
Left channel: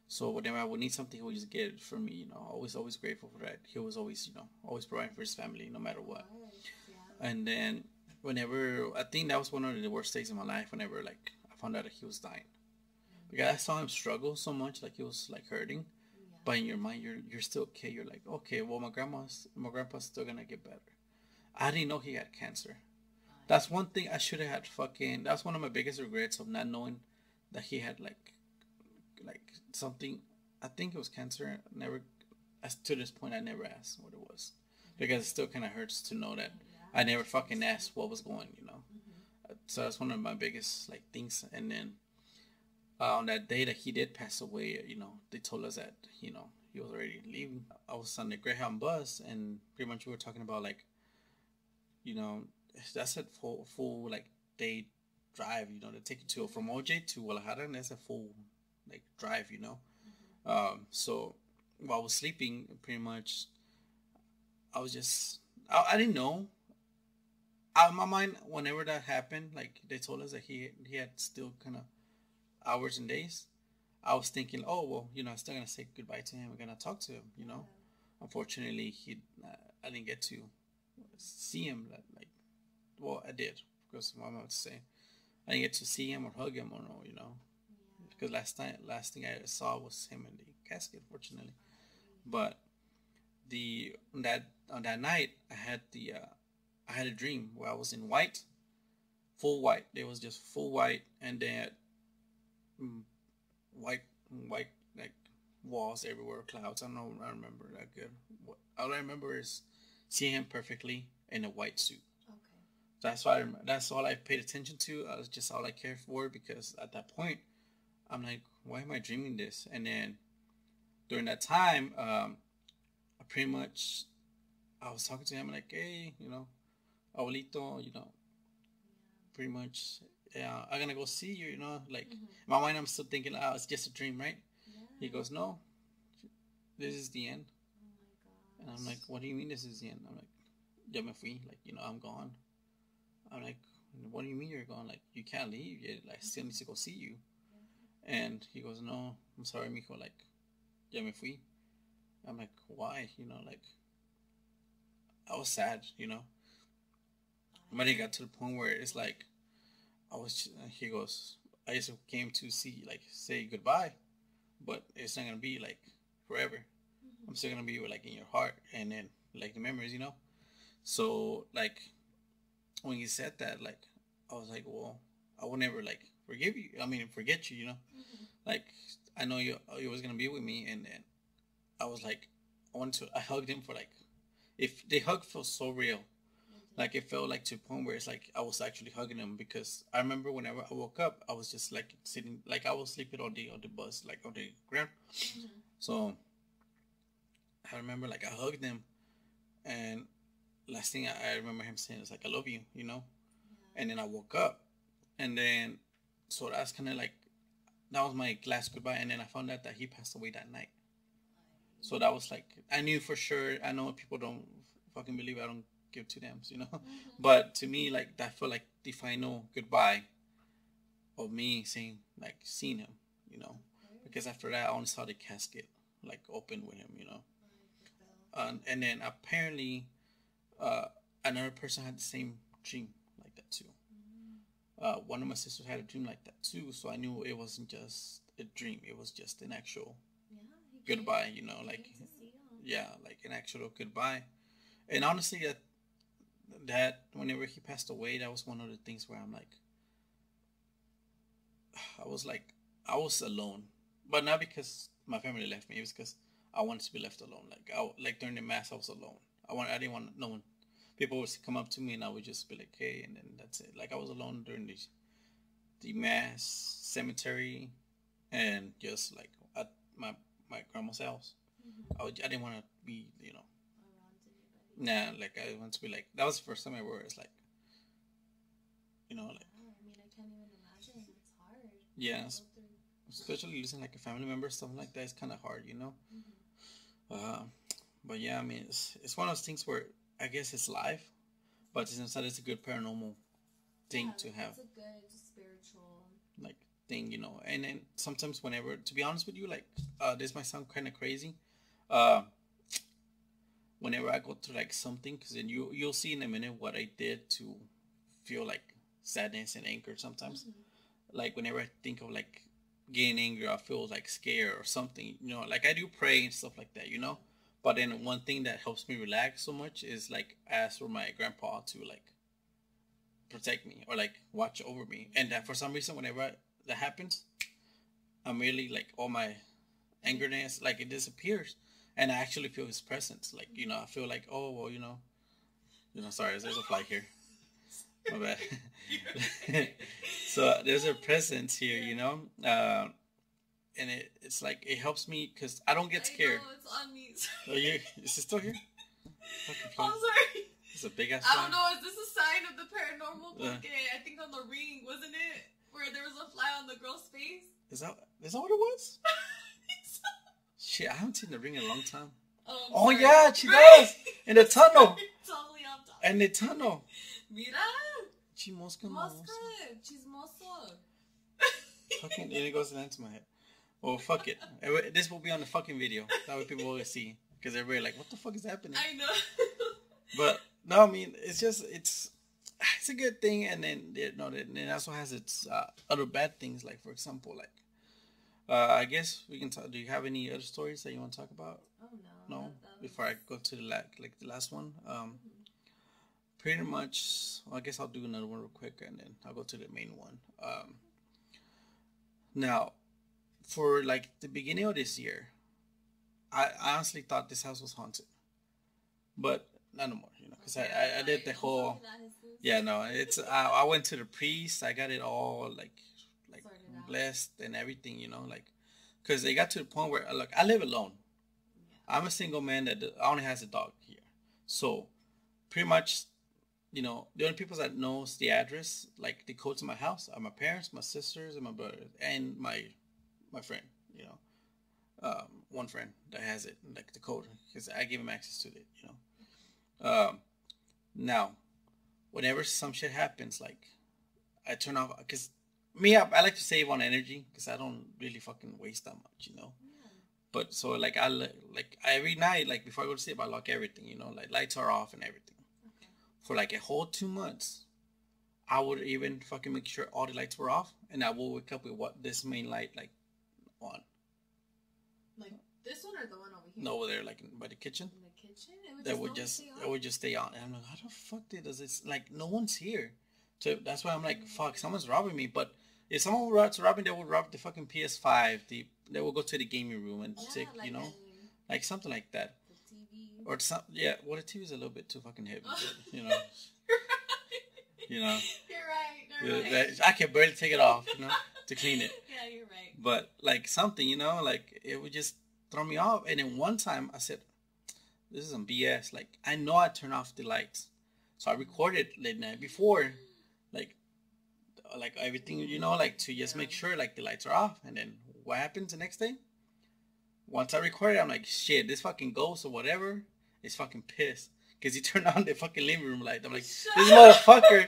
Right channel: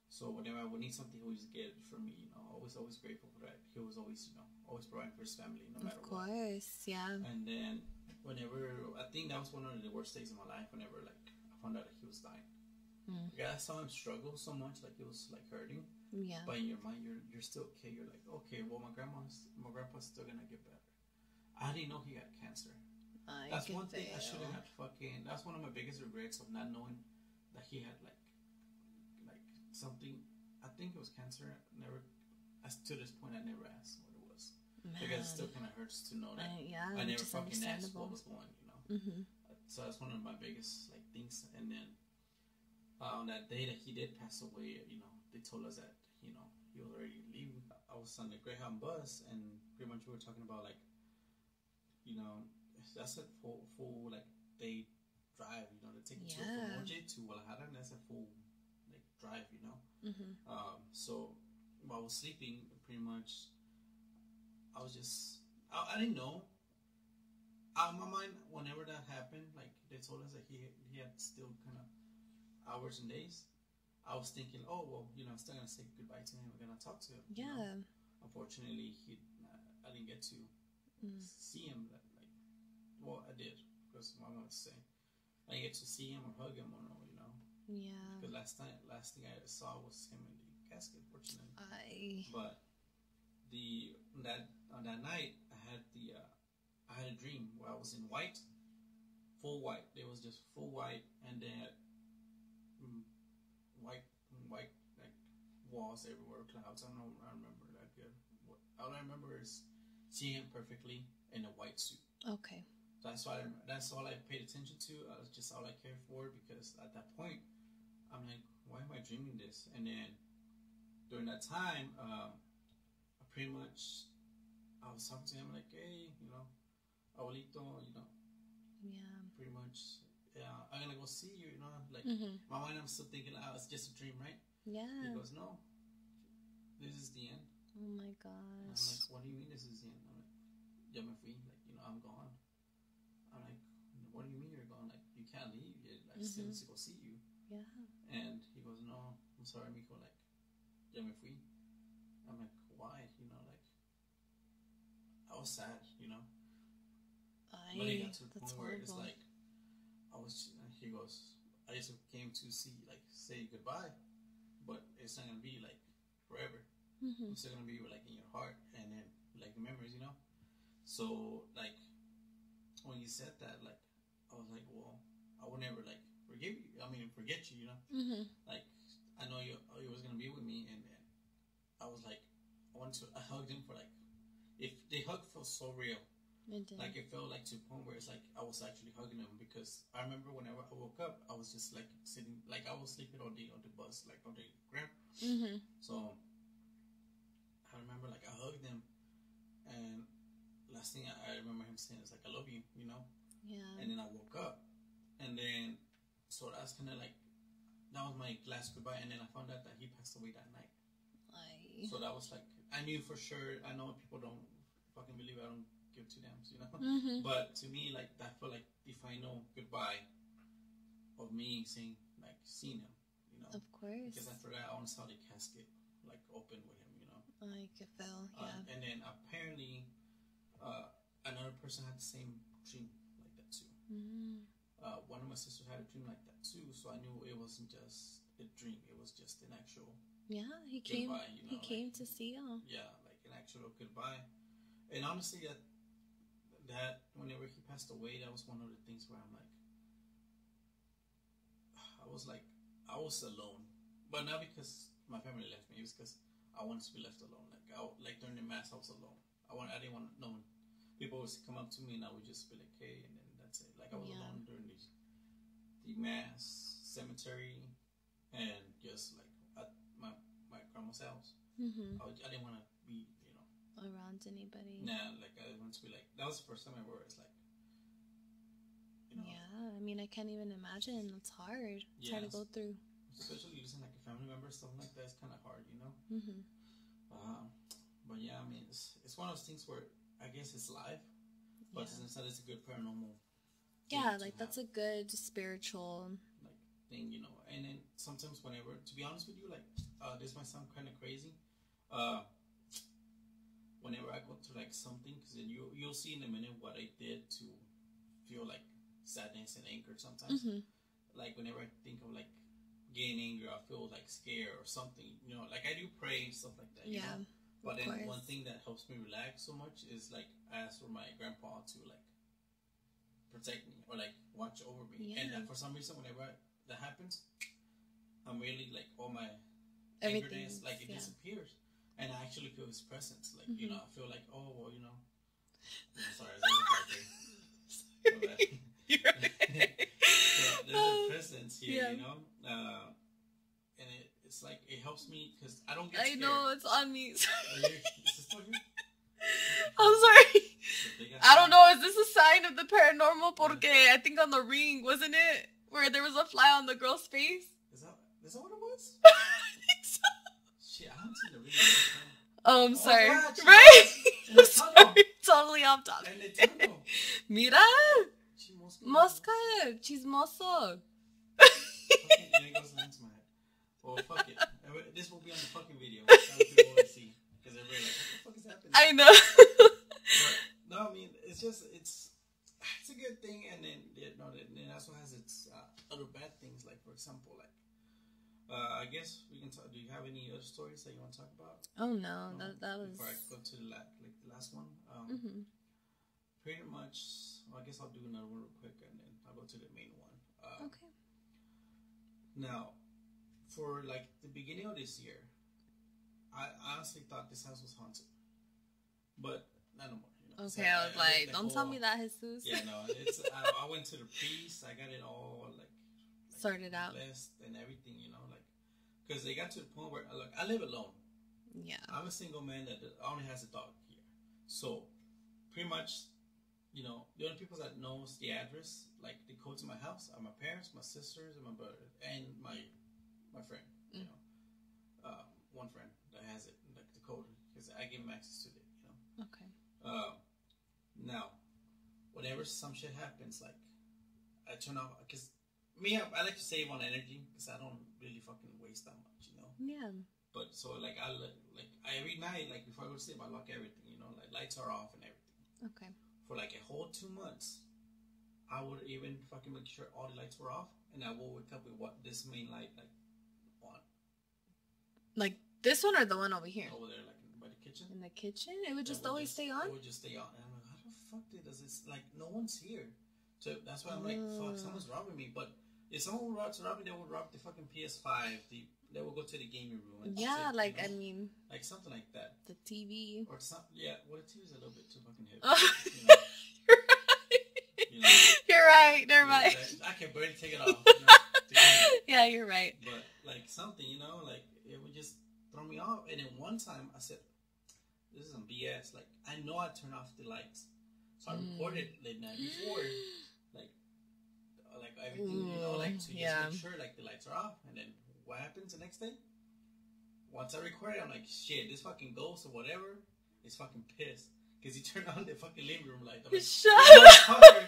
So whenever I would need something, he would just get it for me. Always grateful for that. He was always, always providing for his family, no matter what. Of course, yeah. And then whenever, I think that was one of the worst days in my life, whenever like I found out that he was dying. Because I saw him struggle so much, like he was like hurting. Yeah. But in your mind, you're still okay. You're like, okay, well my grandpa's still gonna get better. I didn't know he had cancer. That's one thing I should have had that's one of my biggest regrets of not knowing that he had like something. I think it was cancer. To this point, I never asked what it was. Because it still kind of hurts to know that I never fucking asked what was going, So that's one of my biggest like things. And then on that day that he did pass away, they told us that he was already leaving. I was on the Greyhound bus, and pretty much we were talking about like, that's a full like day drive. They take you from OJ to Guadalajara, and that's a full like drive. So while I was sleeping, pretty much. I was just, I didn't know. Out of my mind, whenever that happened, like they told us that he had still kind of hours and days. I was thinking, oh well, I'm still gonna say goodbye to him. We're gonna talk to him. Unfortunately, I didn't get to see him. Well, I did because my mom was saying I didn't get to see him or hug him or because last thing I saw was him in the casket, fortunately. But on that night, I had a dream where I was in white, full white. It was just full white, and then mm, white like walls everywhere, clouds. I don't know. I don't remember that good. All I remember is seeing him perfectly in a white suit. Okay. That's why that's all I paid attention to. That's just all I cared for, because at that point, I'm like, why am I dreaming this? And then during that time, I pretty much I was talking to him like, hey, abuelito, Yeah. pretty much, yeah, I'm gonna go see you, like Mm-hmm. in my mind, I'm still thinking, oh, it's just a dream, right? Yeah. He goes, no, this is the end. Oh my And gosh. I'm like, what do you mean this is the end? I'm like, ya me fui, like, I'm gone. I'm like, what do you mean you're gone? Like, you can't leave yet. Like, I still need to go see you. Yeah. And he goes, no, I'm sorry, mijo. Like, ya me fui. I'm like, why? Like, I was sad, But it got to the point where it's like, he goes, I just came to see, like, say goodbye, but it's not going to be, like, forever. Mm-hmm. I'm still going to be, like, in your heart and then, like, the memories, So, like, when he said that, like, I was like, well, I will never, like, forget you, Mm-hmm. Like, I know you was going to be with me, and then I was like, I hugged him for, like, if the hug felt so real. Like, it felt like to a point where it's like I was actually hugging him, because I remember whenever I woke up, I was just like sitting, like I was sleeping on the bus, like on the ground. Mm-hmm. So I remember, like, I hugged him, and last thing I remember him saying is like, I love you, Yeah. And then I woke up, and then so that's kind of like, that was my last goodbye, and then I found out that he passed away that night. So that was like, I knew for sure. I know people don't fucking believe I don't give two damns, Mm-hmm. But to me, like, that felt like the final goodbye of me seeing him, Of course. Because after that, I only saw the casket, like, open with him, I could feel. And then apparently, another person had the same dream like that too. Mm-hmm. One of my sisters had a dream like that too, so I knew it wasn't just a dream; it was just an actual He goodbye. Came, he came to see you. Yeah, like an actual goodbye. And honestly, that whenever he passed away, that was one of the things where I'm like, I was alone, but not because my family left me. It was because I wanted to be left alone. Like during the mass, I was alone. I didn't want no one. People would come up to me, and I would just be like, "Hey," and then that's it. Like, I was alone during the mass, cemetery, and just like at my grandma's house. Mm-hmm. I didn't want to be, around anybody. Nah, like, I want to be like, that was the first time I were. It's like, Yeah, I mean, I can't even imagine. It's hard. Yeah, to go through. Especially losing like a family member, something like that. It's kind of hard, Mm-hmm. But yeah, I mean, it's one of those things where I guess it's live, but inside it's a good paranormal thing to have. It's a good spiritual like thing, And then sometimes whenever, to be honest with you, like, this might sound kind of crazy. Whenever I go through like something, because then you'll see in a minute what I did to feel like sadness and anger sometimes. Mm-hmm. Like, whenever I think of like getting angry, I feel like scared or something, like I do pray and stuff like that, But then one thing that helps me relax so much is like ask for my grandpa to like protect me or like watch over me. And that for some reason, whenever that happens, I'm really like, all my angerness, like, it disappears. And I actually feel his presence. Like, I feel like, oh, well, sorry, there's a flag here. My bad. So there's a presence here, and it's like, it helps me because I don't get scared. I know, it's on me. Is it still here? I'm sorry. It's a big ass I don't know, is this a sign of the paranormal? Porque I think on the ring, wasn't it? Where there was a fly on the girl's face? Is that what it was? I think so. Shit, I haven't seen the ring in a long time. I'm sorry. Oh, yeah, she does. In the tunnel. Totally off topic. In the tunnel. Mira. Mosca. Chismoso. Fucking, it goes into my head. Well, fuck it. This will be on the fucking video. That's how people will see. Because everybody like, what the fuck is happening? I know. But, no, I mean, it's just, it's a good thing. And then, it also has its other bad things. Like, for example, like, I guess we can talk. Do you have any other stories that you want to talk about? Oh no, No. that was. Before I go to the last one. Mm-hmm. Pretty much. I guess I'll do another one real quick, and then I'll go to the main one. Okay. Now, for like the beginning of this year, I honestly thought this house was haunted, but not no more. You know, Okay, I did the whole. Don't tell me that, Jesus. Yeah, no, it's. I went to the priest. I got it all like sorted out, blessed and everything. You know, like, because it got to the point where look, I live alone. Yeah. I'm a single man that only has a dog here, so pretty much, you know, the only people that knows the address, like the code to my house, are my parents, my sisters, and my brother, and my friend. You know, one friend that has it, like the code, because I give him access to it. You know. Okay. Now, whenever some shit happens, like I turn off, because me, I like to save on energy because I don't really fucking waste that much, you know. Yeah. But so like like every night, like before I go to sleep, I lock everything, you know, like lights are off and everything. Okay. For like a whole 2 months, I would even fucking make sure all the lights were off, and I will wake up with what this main light like on. Like this one or the one over here? No, over there, like by the kitchen. In the kitchen, it would just always stay on. It would just stay on, and I'm like, how the fuck does this? Like, no one's here, so that's why I'm like, fuck, someone's robbing me. But if someone were to rob me, they would rob the fucking PS5. They will go to the gaming room and yeah, take, like you know, I mean, like something like that. The TV or some well, the TV's a little bit too fucking heavy. You know, you're right. You know, you're right. Never mind. I can barely take it off. You know, to clean it. Yeah, you're right. But like something, you know, like it would just throw me off. And then one time I said, this is some BS. Like, I know I turned off the lights. So I recorded late night before, like everything, you know, like to just make sure like the lights are off. And then what happens the next day? Once I recorded, I'm like, shit, this fucking ghost or whatever is fucking pissed. Because he turned on the fucking living room light. I'm like, this motherfucker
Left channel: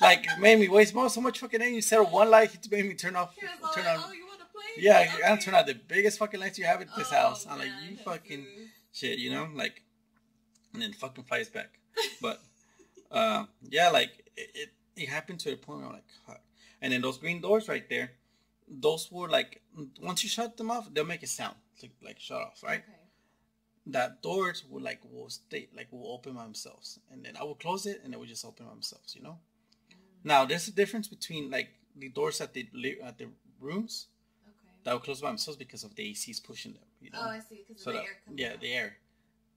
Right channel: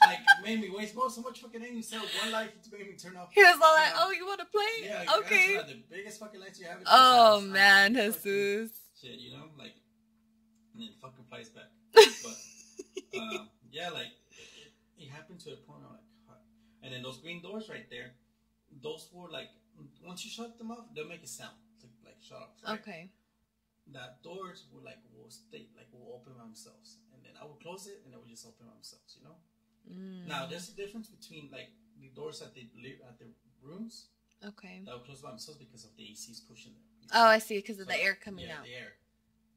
like made me waste so much fucking energy. Instead of one light, he made me turn off. He was all like, oh, you want to play? Yeah, okay. I turn out the biggest fucking lights you have in this house. Oh, man, Jesus. Shit, you know? Like, and then fucking flies back. But, yeah, like, it happened to the point where I'm like, fuck. And then those green doors right there, those were like, once you shut them off, they'll make a sound. Like shut off, right? Okay. That doors will open by themselves. And then I will close it and they will just open by themselves, you know? Now, there's a difference between, like, the doors at the rooms. Okay. That will close by themselves because of the ACs pushing them. You know? Oh, I see. Because of the air coming out. Yeah, the air.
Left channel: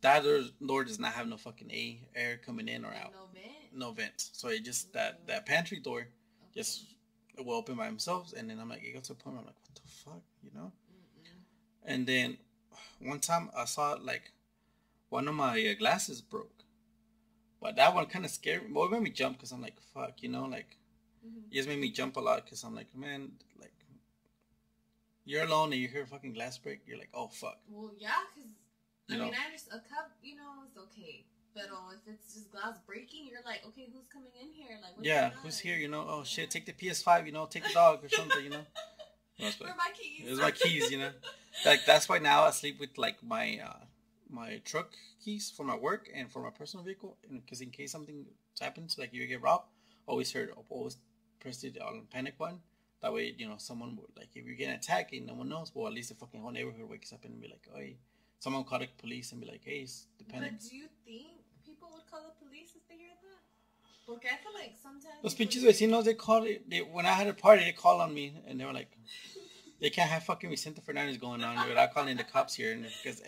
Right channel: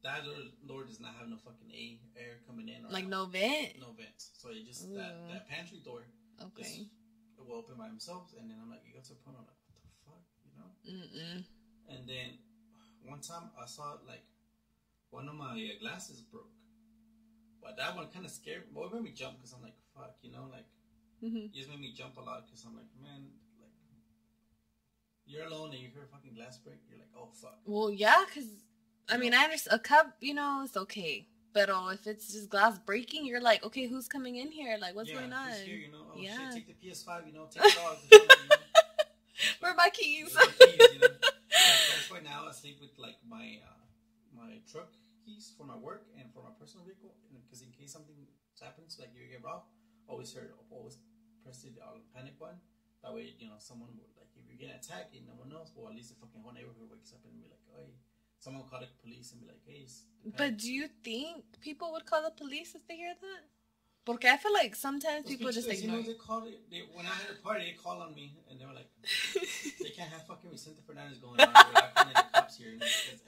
That door does not have no fucking air coming in or like out. No vent? No vent. So it just, that pantry door just it will open by themselves. And then I'm like, it got to a point where I'm like, what the fuck, you know? Mm-mm. And then one time I saw, like, one of my glasses broke. But that one kind of scared me. Well, it made me jump because I'm like, fuck, you know, like, it just made me jump a lot because I'm like, man, like, you're alone and you hear a fucking glass break. You're like, oh, fuck. Well, yeah, because, I mean, I understand. A cup, you know, it's okay. But if it's just glass breaking, you're like, okay, who's coming in here? Like, what's going on? Yeah, who's here, you know? Oh, shit, take the PS5, you know, take the dog or something, you know? Where are my keys? Where's my keys, you know? Like, that's why now I sleep with, like, my truck keys for my work and for my personal vehicle, because in case something happens, like you get robbed, always press the panic button. That way, you know, someone would, like, if you get attacked and no one knows, well, at least the fucking whole neighborhood wakes up and be like, oh, someone call the police and be like, hey, it's the panic. But do you think people would call the police if they hear that? Porque I feel like sometimes Los people pinches vecinos, they call it. When I had a party, they called on me and they were like, they can't have fucking Vicente Fernandez going on without calling the cops here. Because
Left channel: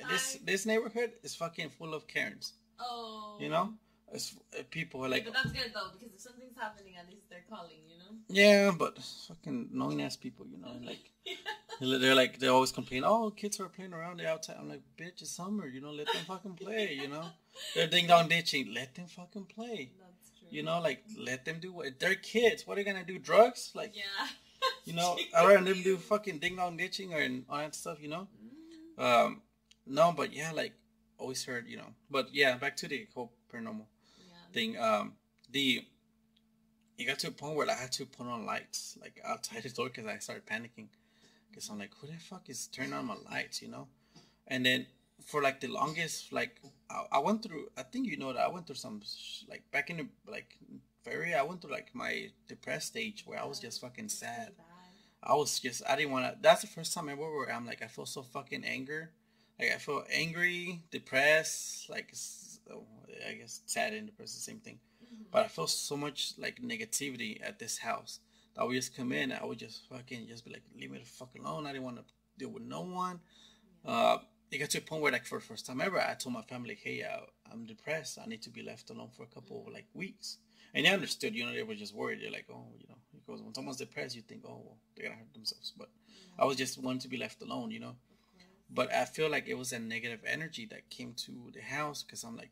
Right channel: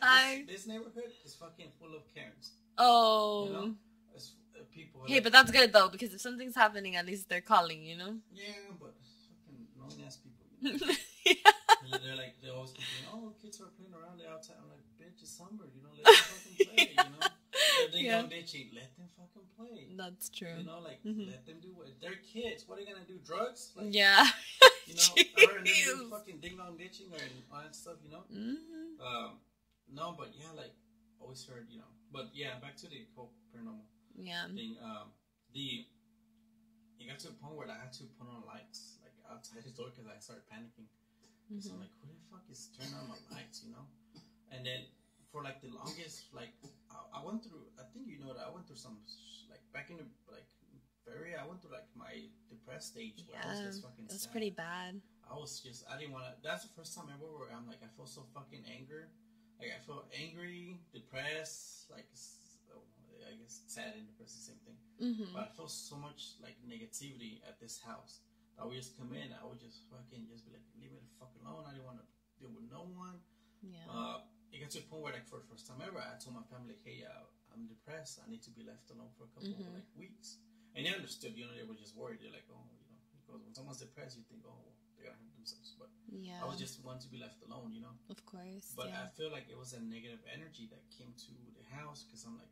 this neighborhood is fucking full of Karens. Oh. You know? It's, people are like... Yeah, but that's good though, because if something's happening, at least they're calling, you know? Yeah, but fucking annoying ass people, you know? Yeah. They're like, they always complain, oh, kids are playing around, they're outside. I'm like, bitch, it's summer, you know, let them fucking play, you know? They're ding dong ditching, let them fucking play. That's true. You know, like, let them do what, they're kids, what are they gonna do, drugs? Like, yeah. You know, I'd rather them do fucking ding dong ditching or all that stuff, you know? No, but yeah, like, always heard, you know, but yeah, back to the whole paranormal thing. It got to a point where I had to put on lights, like, outside the door because I started panicking. Because I'm like, who the fuck is turning on my lights, you know? And then for, like, the longest, like, I went through, I think you know that I went through some, like, back in the, like, I went through like my depressed stage where I was just fucking that's sad. pretty bad. I didn't want to. That's the first time ever where I'm like, I feel so fucking anger. Like I feel angry, depressed, like I guess sad and depressed, the same thing. But I feel so much like negativity at this house that I would just come in. I would just fucking just be like, leave me the fuck alone. I didn't want to deal with no one. Yeah. It got to a point where like for the first time ever, I told my family, hey, I'm depressed. I need to be left alone for a couple of like weeks. And they understood. You know, they were just worried. They're like, oh, you know, because when someone's depressed, you think, oh, well, they're gonna hurt themselves. But I was just wanting to be left alone, you know. Of course. But I feel like it was a negative energy that came to the house because I'm like,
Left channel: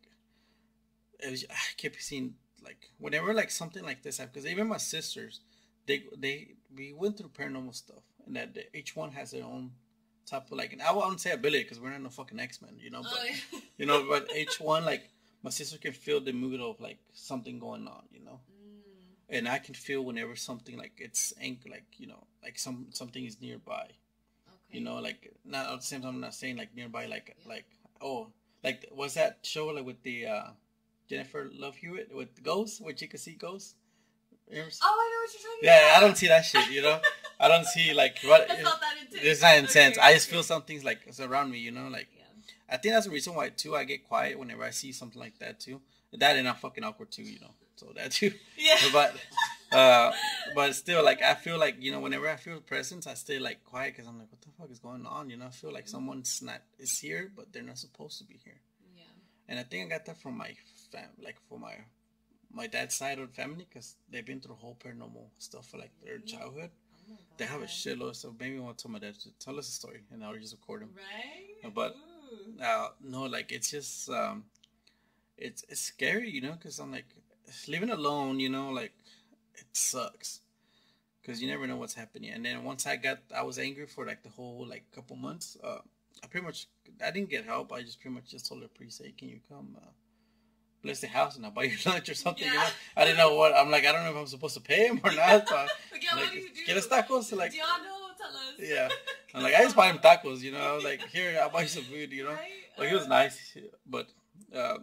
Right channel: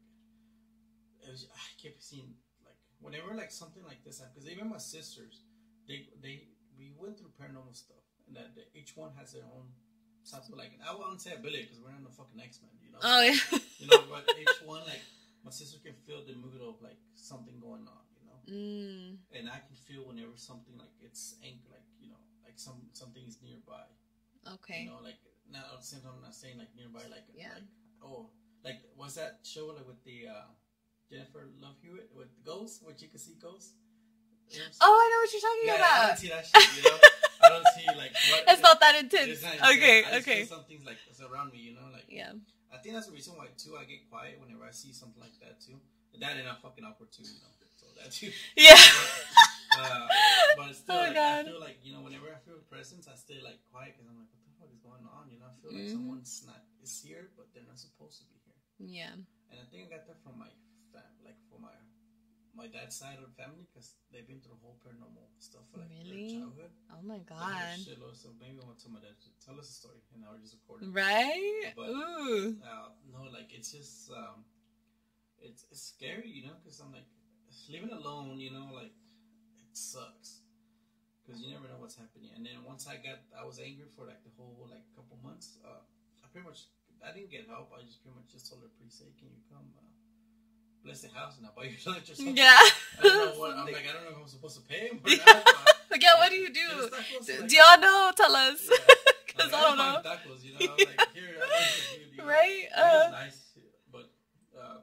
I kept seeing like whenever like something like this happened. Because even my sisters, we went through paranormal stuff, and that each one has their own type of like, and I won't say ability because we're not no fucking X-Men, you know. Oh but, yeah. You know, but each one like. My sister can feel the mood of like something going on, you know, and I can feel whenever something like it's like you know, like something is nearby. Okay. You know, like not at the same time. I'm not saying like nearby, like like was that show like with the Jennifer Love Hewitt with the ghosts, where she could see ghosts? Oh, I know what you're talking about. Yeah, I don't see that shit, you know. I don't see like what. It's not that intense. It's not intense. Okay, I just feel something's like around me, you know, like. Yeah. I think that's the reason why too I get quiet whenever I see something like that too. That and I'm fucking awkward too, you know. So that too. Yeah. But still, like God. I feel like you know whenever I feel presence, I stay like quiet because I'm like, what the fuck is going on? You know, I feel like someone's not is here, but they're not supposed to be here. Yeah. And I think I got that from my from my dad's side of the family because they've been through whole paranormal stuff for like their childhood. Oh my God. They have a shitload, so maybe I want to tell my dad to tell us a story and I'll just record it. Right? But no, like it's just it's scary, you know, because I'm like living alone, you know, like it sucks because you never know what's happening. And then once I was angry for like the whole like couple months. I didn't get help. I just pretty much just told the priest, hey, can you come? Bless the house and I'll buy you lunch or something. Yeah. I don't know what. I'm like, I don't know if I'm supposed to pay him or not. But, like, yeah, what do you do? Get us tacos. Like, do y'all know? Tell us. Yeah. I'm like, I just buy him tacos, you know. I was like, here, I'll buy you some food, you know. Right. Like, it was nice. But,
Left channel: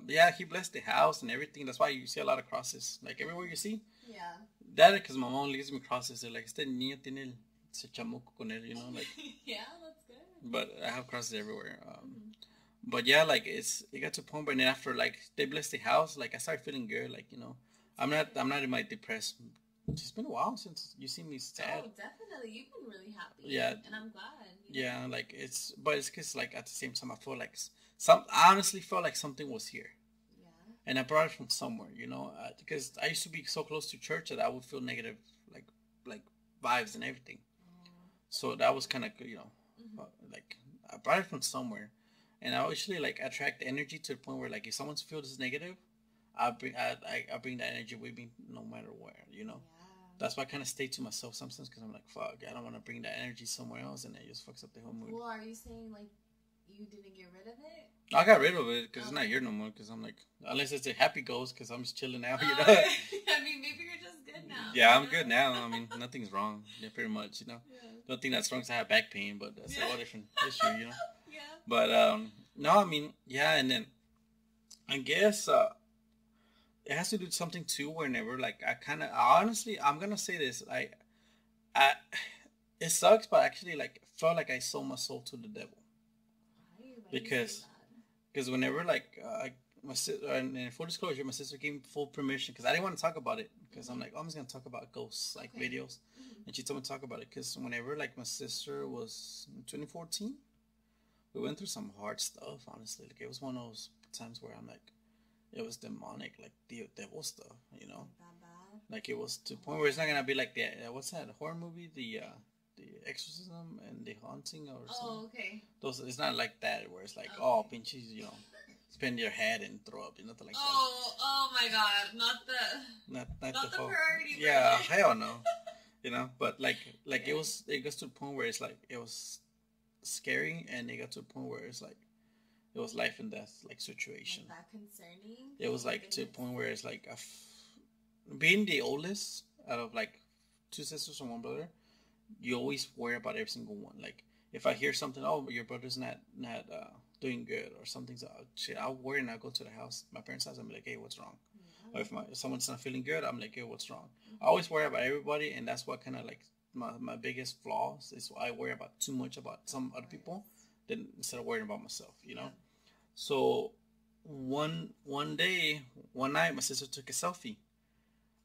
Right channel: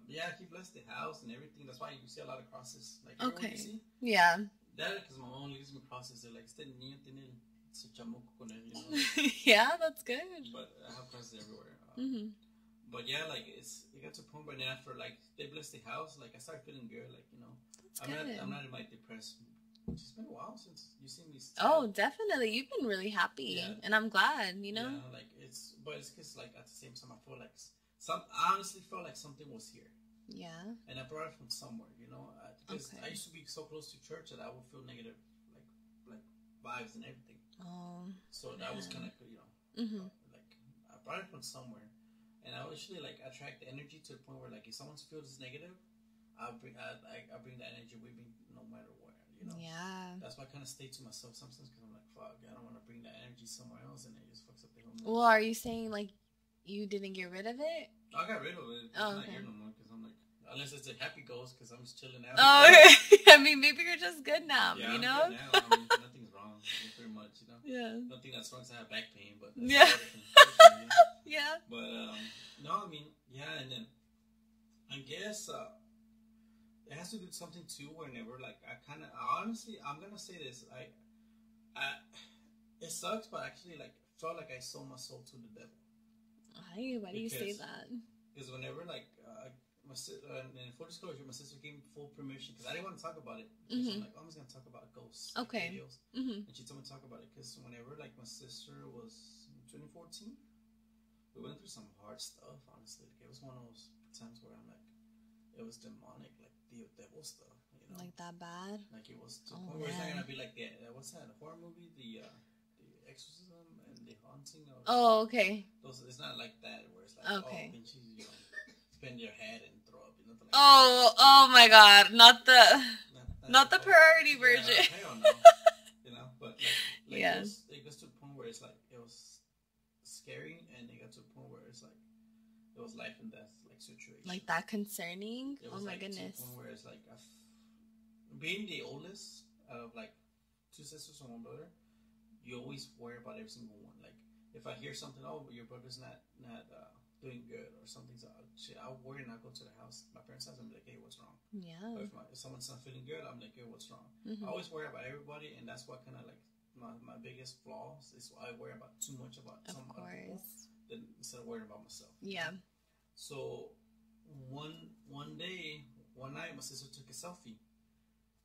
yeah, he blessed the house and everything. That's why you see a lot of crosses. Like, everywhere you see. Yeah. That because my mom leaves me crosses. They're like, este niño tiene ese chamuco con él, you know. Like, yeah, that's good. But I have crosses everywhere. But yeah, like it got to a point, but then after like they blessed the house, like I started feeling good. Like you know, I'm not in my depressed. It's been a while since you see me sad. Oh, definitely, you've been really happy. Yeah, and I'm glad. You know. Yeah, like it's because like at the same time I feel like I honestly felt like something was here. Yeah. And I brought it from somewhere, you know, because I used to be so close to church that I would feel negative, like vibes and everything. Oh. So that was kind of you know, like I brought it from somewhere. And I usually like attract energy to the point where like if someone feels negative, I bring that energy with me no matter where, you know. Yeah. That's why I kind of stay to myself sometimes because I'm like, fuck, I don't want to bring that energy somewhere else, and it just fucks up the whole mood. Well, are you saying like you didn't get rid of it? I got rid of it because it's not here no more. Because I'm like, unless it's a happy ghost, because I'm just chilling out. Oh, you know? I mean, maybe you're just good now. Yeah, I'm good now. I mean, nothing's wrong. Yeah, pretty much, you know. Yeah. The only thing that's wrong is I have back pain, but that's a different issue, you know. Yeah. But no, I mean, yeah, and then I guess it has to do something too. Whenever like honestly, I'm gonna say this, I it sucks, but actually like felt like I sold my soul to the devil. Why do you say that? Because whenever like and in full disclosure, my sister gave me full permission because I didn't want to talk about it because I'm like, oh, I'm just gonna talk about ghosts like videos, and she told me to talk about it because whenever like my sister was in 2014, we went through some hard stuff. Honestly, like it was one of those times where I'm like, it was demonic, like the devil stuff, you know, like that bad. Like it was to the point where it's not gonna be like the what's that horror movie, the Exorcism and the Haunting or something. Okay. Those it's not like that where it's like oh pinches, you know, spin your head and throw up, you know, like oh my God, not the priority version. Yeah, hell no. You know, but like it goes to the point where it's like it was scary, and it got to a point where it's like it was life and death like situation. Like that concerning. It was like to a point where it's like being the oldest out of like two sisters and one brother. You always worry about every single one. Like if I hear something, oh, your brother's not doing good or something's shit, I'll worry and I'll go to the house, my parents' house, I'm like, hey, what's wrong? Yeah. Or if someone's not feeling good, I'm like, hey, what's wrong? Mm-hmm. I always worry about everybody, and that's what kind of like my biggest flaws is I worry about too much about some other people than instead of worrying about myself. You know? So one day, one night, my sister took a selfie.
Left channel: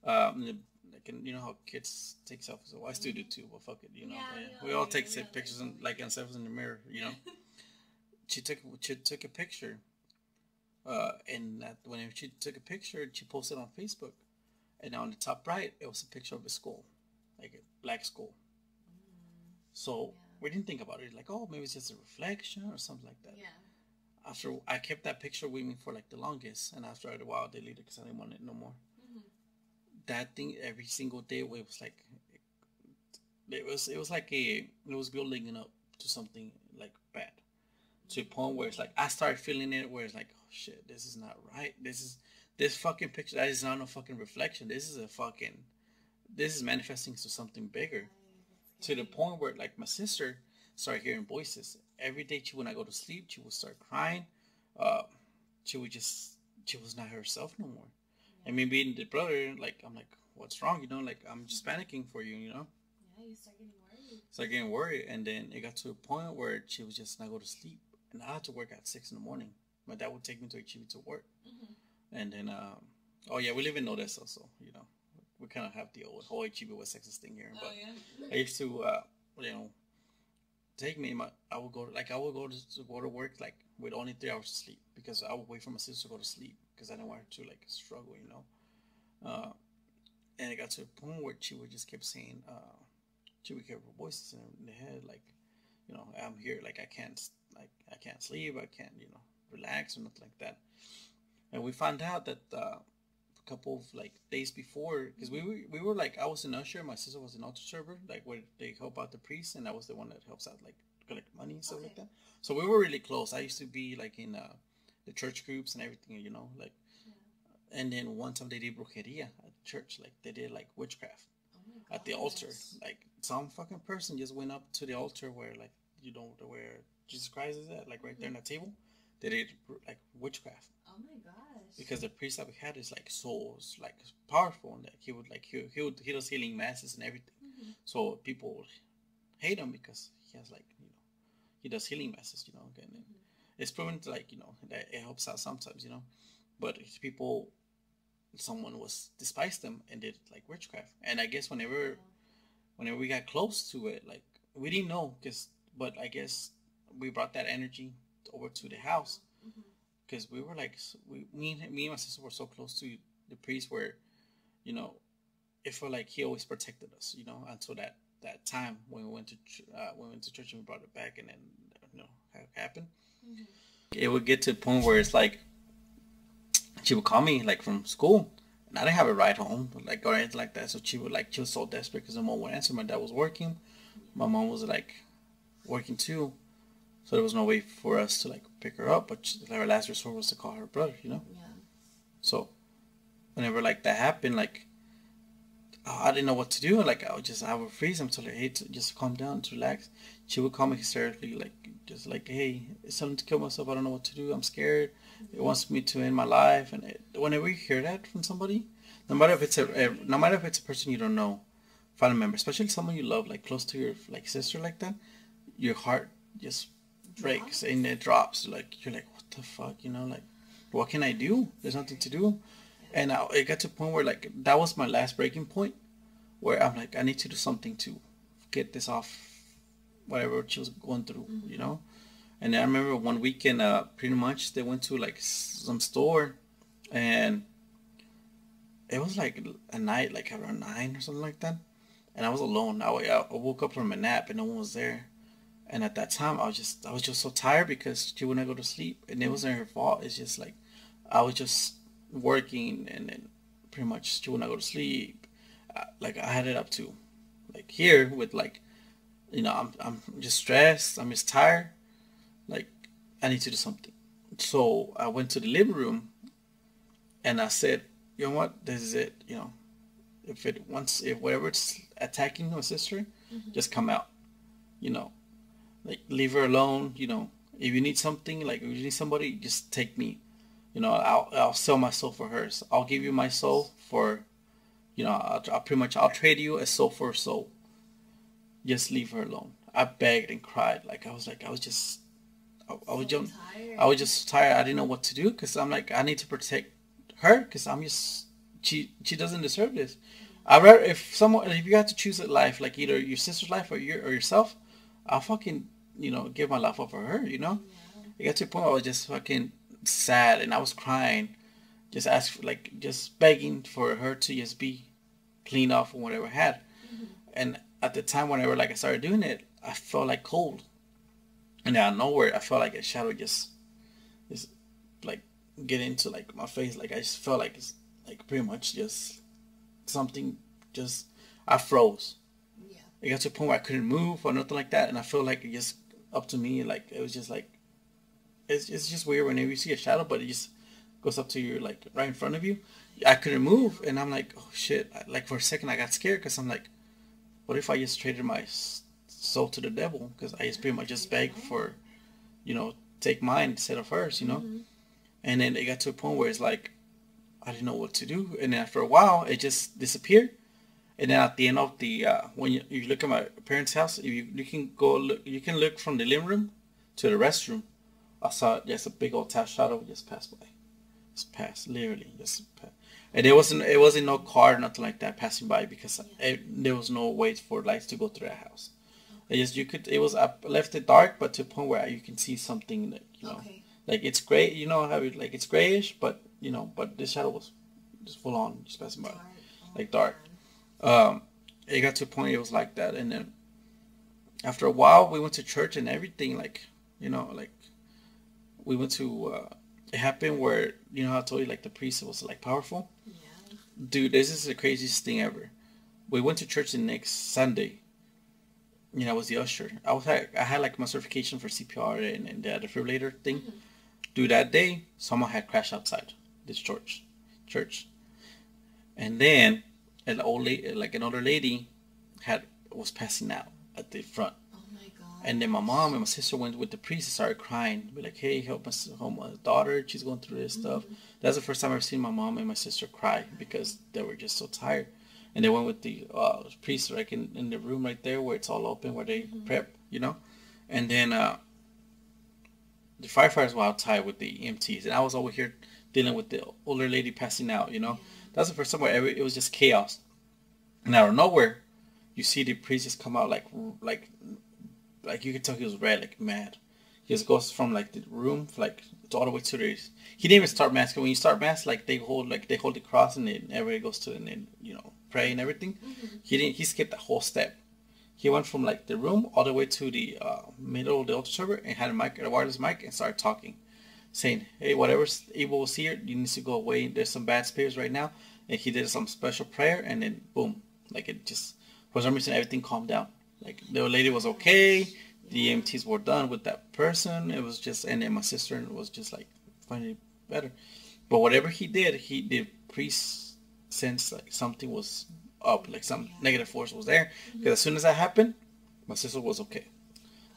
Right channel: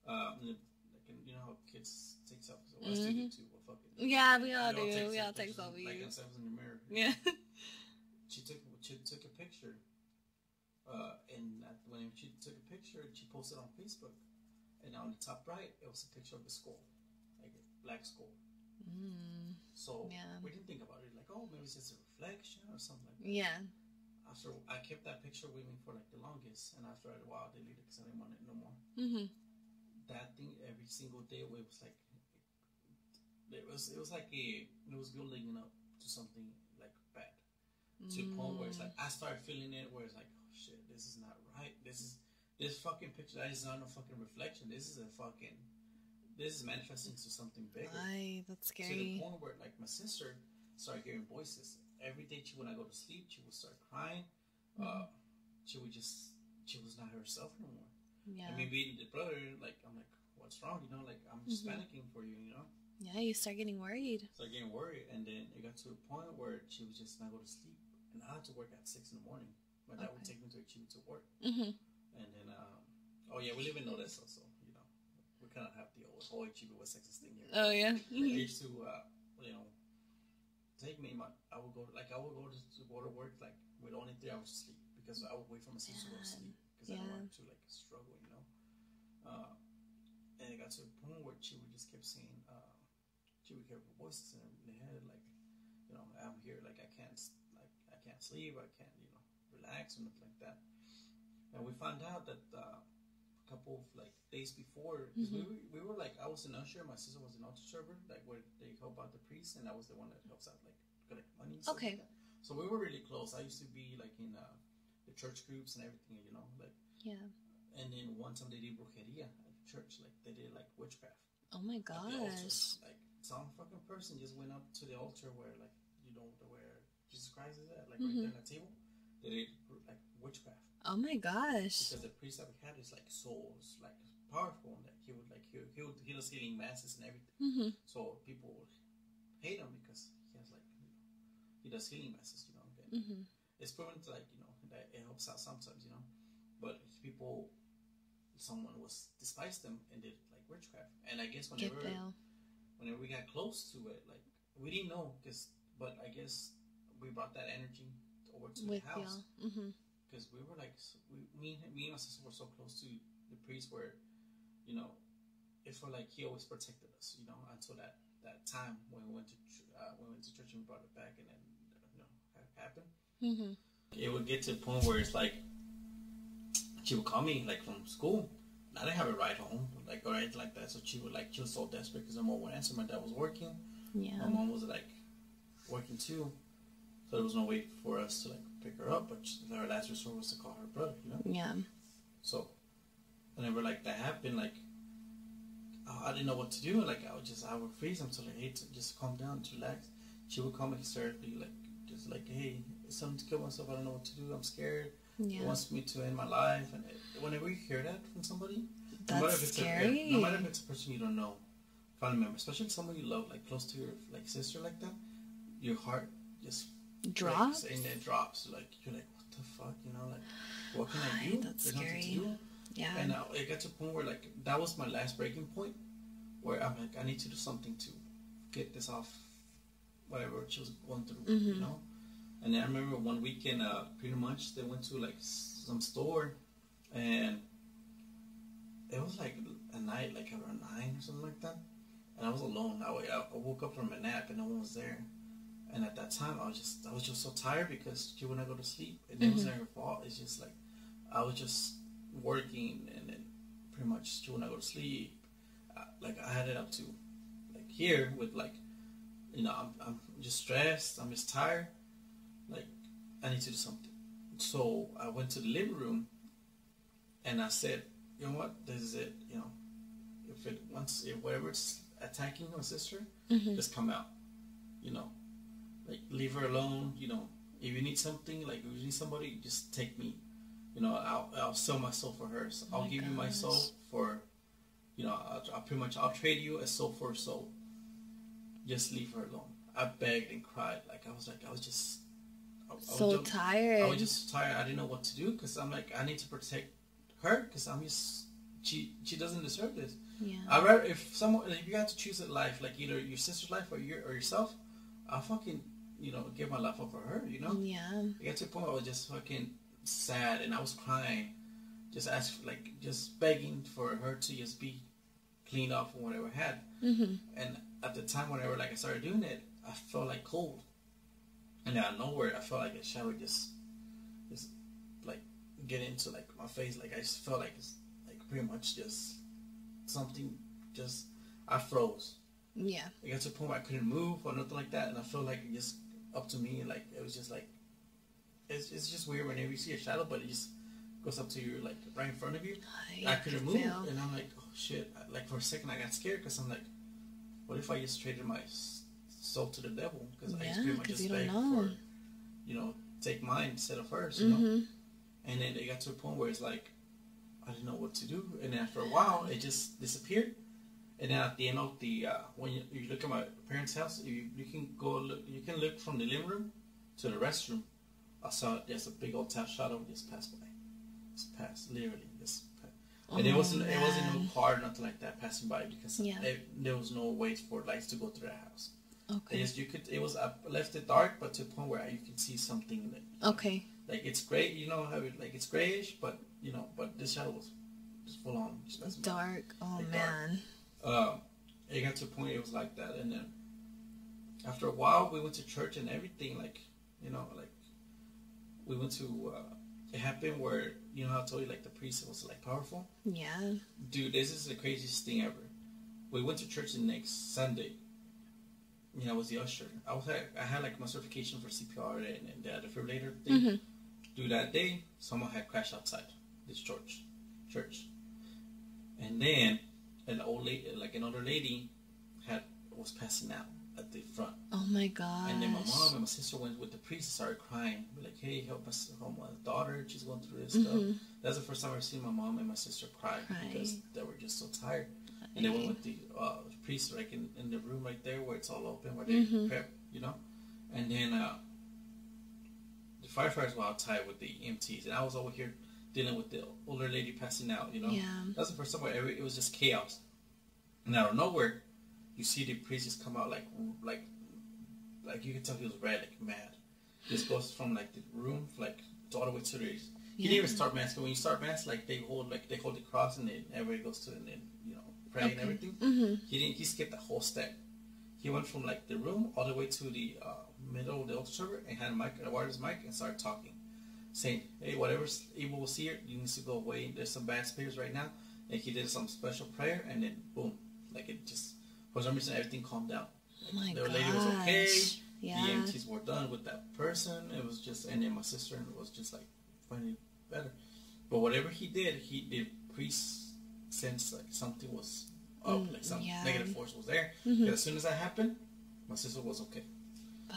Like, you know how kids take selfies. So I still do too. But fuck it. Yeah, we all take take pictures like themselves in the mirror. You know? She took a picture. And that whenever she took a picture, she posted on Facebook, and on the top right, it was a picture of a skull, like a black skull. So we didn't think about it, like, oh, maybe it's just a reflection or something like that. Yeah. After I kept that picture with me for like the longest, and after a while, I deleted it because I didn't want it no more. Mm-hmm. That thing every single day, it was like, it was building up to something like bad. To a point where it's like I started feeling it, where it's like, oh shit, this is not right. This fucking picture, that is not no fucking reflection. This is manifesting to something bigger. Right, that's scary. To the point where like my sister started hearing voices every day. When I go to sleep, she would start crying. She was not herself no more. Yeah. And me being the brother, like I'm like, what's wrong? You know, like I'm just panicking for you. You know. Yeah, you start getting worried. And then it got to a point where she was just not go to sleep. And I had to work at 6 in the morning. My dad would take me to Chibi to work. Mm-hmm. And then, we live in Odessa, so, you know, we kind of have the whole Chibi West Texas thing here. Oh, yeah. I used to, take me, I would go to work, like, with only 3 hours of sleep. Because I would wait for my sister to go to sleep. Because I don't want her to, like, struggle, you know. And it got to a point where she would just keep saying, she would hear voices in the head, like, you know, I'm here, like I can't sleep, I can't, you know, relax or nothing like that. And we found out that a couple of like days before, because we were like, I was an usher, my sister was an altar server, like where they help out the priest, and I was the one that helps out, like collect money and stuff like that. So we were really close. I used to be like in the church groups and everything, you know, like. Yeah. And then one time they did brujeria at the church, like they did like witchcraft. Oh my god! At the altar, like some fucking person just went up to the altar where, like, you know, where Jesus Christ is at, like right there on the table. They did like witchcraft. Oh my gosh! Because the priest that we had is like so like powerful, and like he does healing masses and everything. Mm-hmm. So people hate him because he has, like, you know, he does healing masses, you know. And it's proven to, like, you know, that it helps out sometimes, you know, but someone was despised them and did like witchcraft. And I guess whenever we got close to it, like we didn't know, but I guess we brought that energy over to the house, because we were like, me and my sister were so close to the priest where, you know, it felt like he always protected us, you know, until that time when we went to church and we brought it back, and then, you know, how it happened. It would get to a point where it's like, she would call me like from school, and I didn't have a ride home, like, or anything like that. So she was so desperate because my mom would answer. My dad was working. Yeah. My mom was like working too, so there was no way for us to like pick her up. But our last resort was to call her brother, you know. Yeah. So whenever like that happened, like, I didn't know what to do. Like, I would freeze him, tell her, hey, to just calm down, to relax. She would call me hysterically, like, just like, hey, it's something to kill myself. I don't know what to do. I'm scared. Yeah. It wants me to end my life. And whenever you hear that from somebody, no matter if it's a person you don't know, family member, especially someone you love, like close to your like sister, like that, your heart just breaks and it drops. Like, you're like, what the fuck, you know, like, what can I do? There's nothing to do. Yeah. And it got to a point where, like, that was my last breaking point, where I'm like, I need to do something to get this off, whatever she was going through, you know. And I remember one weekend, pretty much, they went to like some store, and it was like a night, like around 9 or something like that. And I was alone. I woke up from a nap and no one was there. And at that time, I was just so tired because she wouldn't go to sleep, and it wasn't her fault. It's just like I was just working, and then pretty much she wouldn't go to sleep. Like, I had it up to like here with, like, you know, I'm just stressed. I'm just tired. Like, I need to do something. So I went to the living room, and I said, you know what, this is it. You know, if whatever it's attacking my sister, just come out. You know, like, leave her alone. You know, if you need something, like if you need somebody, just take me. You know, I'll sell my soul for hers. I'll give you my soul for, you know, I'll pretty much I'll trade you a soul for a soul. Just leave her alone. I begged and cried. Like I was just, I was So just, tired. I was just tired. I didn't know what to do because I'm like I need to protect her because I'm just she doesn't deserve this. Yeah. I rather if you have to choose a life like either your sister's life or yourself, I'll fucking give my life up for her. You know. Yeah. It got to a point where I was just fucking sad and I was crying, just begging for her to just be clean off of whatever I had. Mm-hmm. And at the time, whenever like I started doing it, I felt like cold, and out of nowhere, I felt like a shadow just like get into like my face. Like I just felt like it's like pretty much just something. Just I froze. Yeah. It got to a point where I couldn't move or nothing like that, and I felt like it just up to me. Like it was just like it's just weird whenever you see a shadow, but it just goes up to you like right in front of you. I couldn't move, and I'm like, oh shit! Like for a second, I got scared because I'm like, what if I just traded my soul to the devil? Because I just pretty much just begged for, take mine instead of hers, you know. And then it got to a point where it's like, I didn't know what to do, and then after a while, it just disappeared. And then at the end of the when you look at my parents' house, if you can go look, you can look from the living room to the restroom. I saw just a big old shadow just pass by, just pass literally just. And it wasn't no car, nothing like that passing by because there was no way for lights to go through the house. Okay. I left it dark, but to a point where you can see something like it's gray, you know how it's grayish, but but this shadow was just full on, just passing dark. by. Oh, like dark. It got to a point it was like that, and then after a while we went to church and everything, like we went to it happened where how I told you like the priest was like powerful. Yeah. Dude, this is the craziest thing ever. We went to church the next Sunday. I was the usher. I had like my certification for CPR and the defibrillator thing. Mm-hmm. Dude, that day someone had crashed outside this church, and then an older lady was passing out at the front. Oh my god! And then my mom and my sister went with the priest and started crying. We're like, "Hey, help my daughter. She's going through this stuff." That's the first time I've seen my mom and my sister cry because they were just so tired. And they went with the priest like in the room right there where it's all open where they prep, And then the firefighters were outside with the EMTs, and I was over here dealing with the older lady passing out. Yeah. That's the first time where it was just chaos. And out of nowhere, you see the priest just come out like you could tell he was red, like mad. He just goes from like the room like all the way to the. He didn't even start mass. When you start mass, like they hold the cross and then everybody goes to and then pray and everything. Mm-hmm. He skipped the whole step. He went from like the room all the way to the middle of the altar server and had a wireless mic and started talking, saying, "Hey, whatever's evil was here, you need to go away. There's some bad spirits right now." And he did some special prayer, and then boom, like it just for some reason everything calmed down. Like the lady was okay. Yeah. The EMTs were done with that person. It was just, and then my sister was just like finding it better. But whatever he did, the priest sensed like something was up, like some negative force was there. Because as soon as that happened, my sister was okay.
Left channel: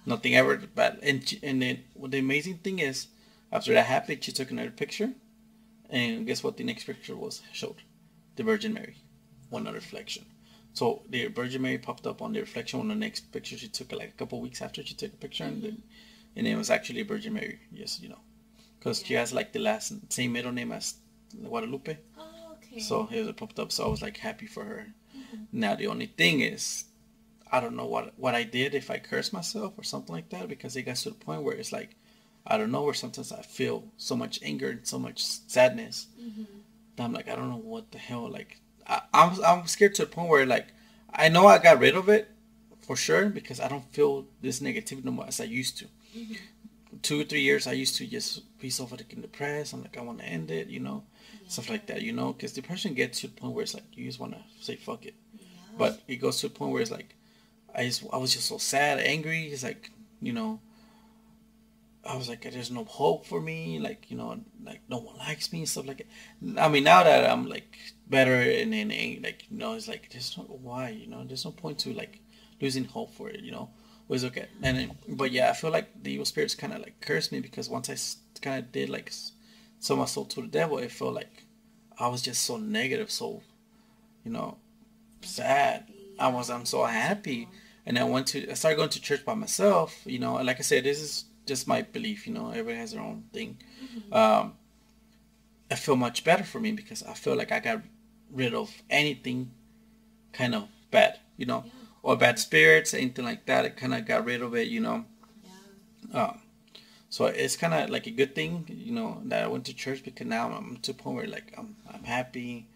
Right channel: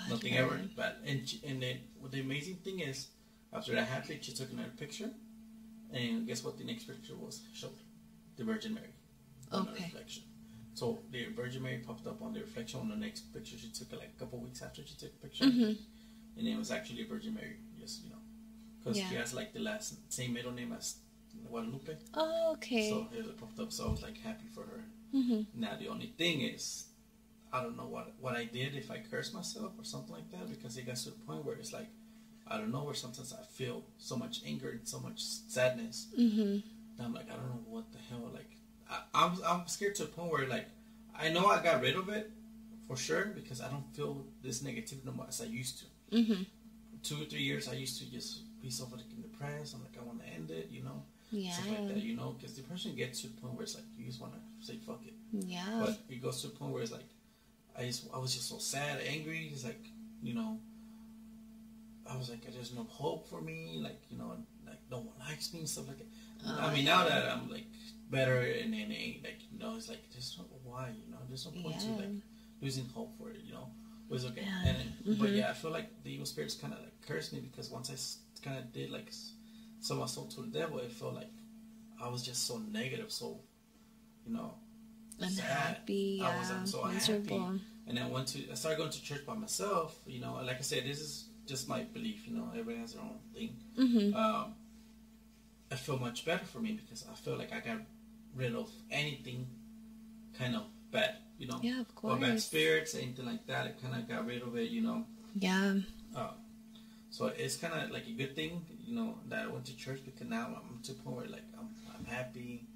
Nothing ever bad. And then the amazing thing is, after that happened, she took another picture, and guess what? The next picture showed the Virgin Mary on a reflection. So the Virgin Mary popped up on the reflection on the next picture she took, like a couple weeks after she took a picture, and it was actually a Virgin Mary. Yes, because she has like the same middle name as Guadalupe. Oh, okay. So it popped up. So I was like happy for her. Now the only thing is, I don't know what I did, if I cursed myself or something like that, because it got to the point where it's like, I don't know, where sometimes I feel so much anger and so much sadness. That I'm like, I don't know what the hell, like. I'm scared to the point where like I know I got rid of it for sure because I don't feel this negativity no more as I used to. 2 or 3 years I used to just be so fucking depressed. I'm like, I want to end it, stuff like that, because depression gets to the point where it's like you just want to say fuck it. Yeah. But it goes to a point where it's like I was just so sad, angry. It's like I was like, there's no hope for me, like like no one likes me and stuff like that. I mean, now that I'm like better and like it's like there's no why, there's no point to like losing hope for it, was okay. Yeah. And but yeah, I feel like the evil spirits kind of like cursed me because once I kind of did like sold my soul to the devil, it felt like I was just so negative, so you know, sad. I'm so unhappy, and I started going to church by myself. You know, and like I said, this is just my belief. You know, everybody has their own thing. I feel much better for me because I feel like I got rid of anything kind of bad, you know, or bad spirits, anything like that. I kind of got rid of it, you know. Yeah. So it's kind of like a good thing, you know, that I went to church because now I'm to a point where like I'm happy,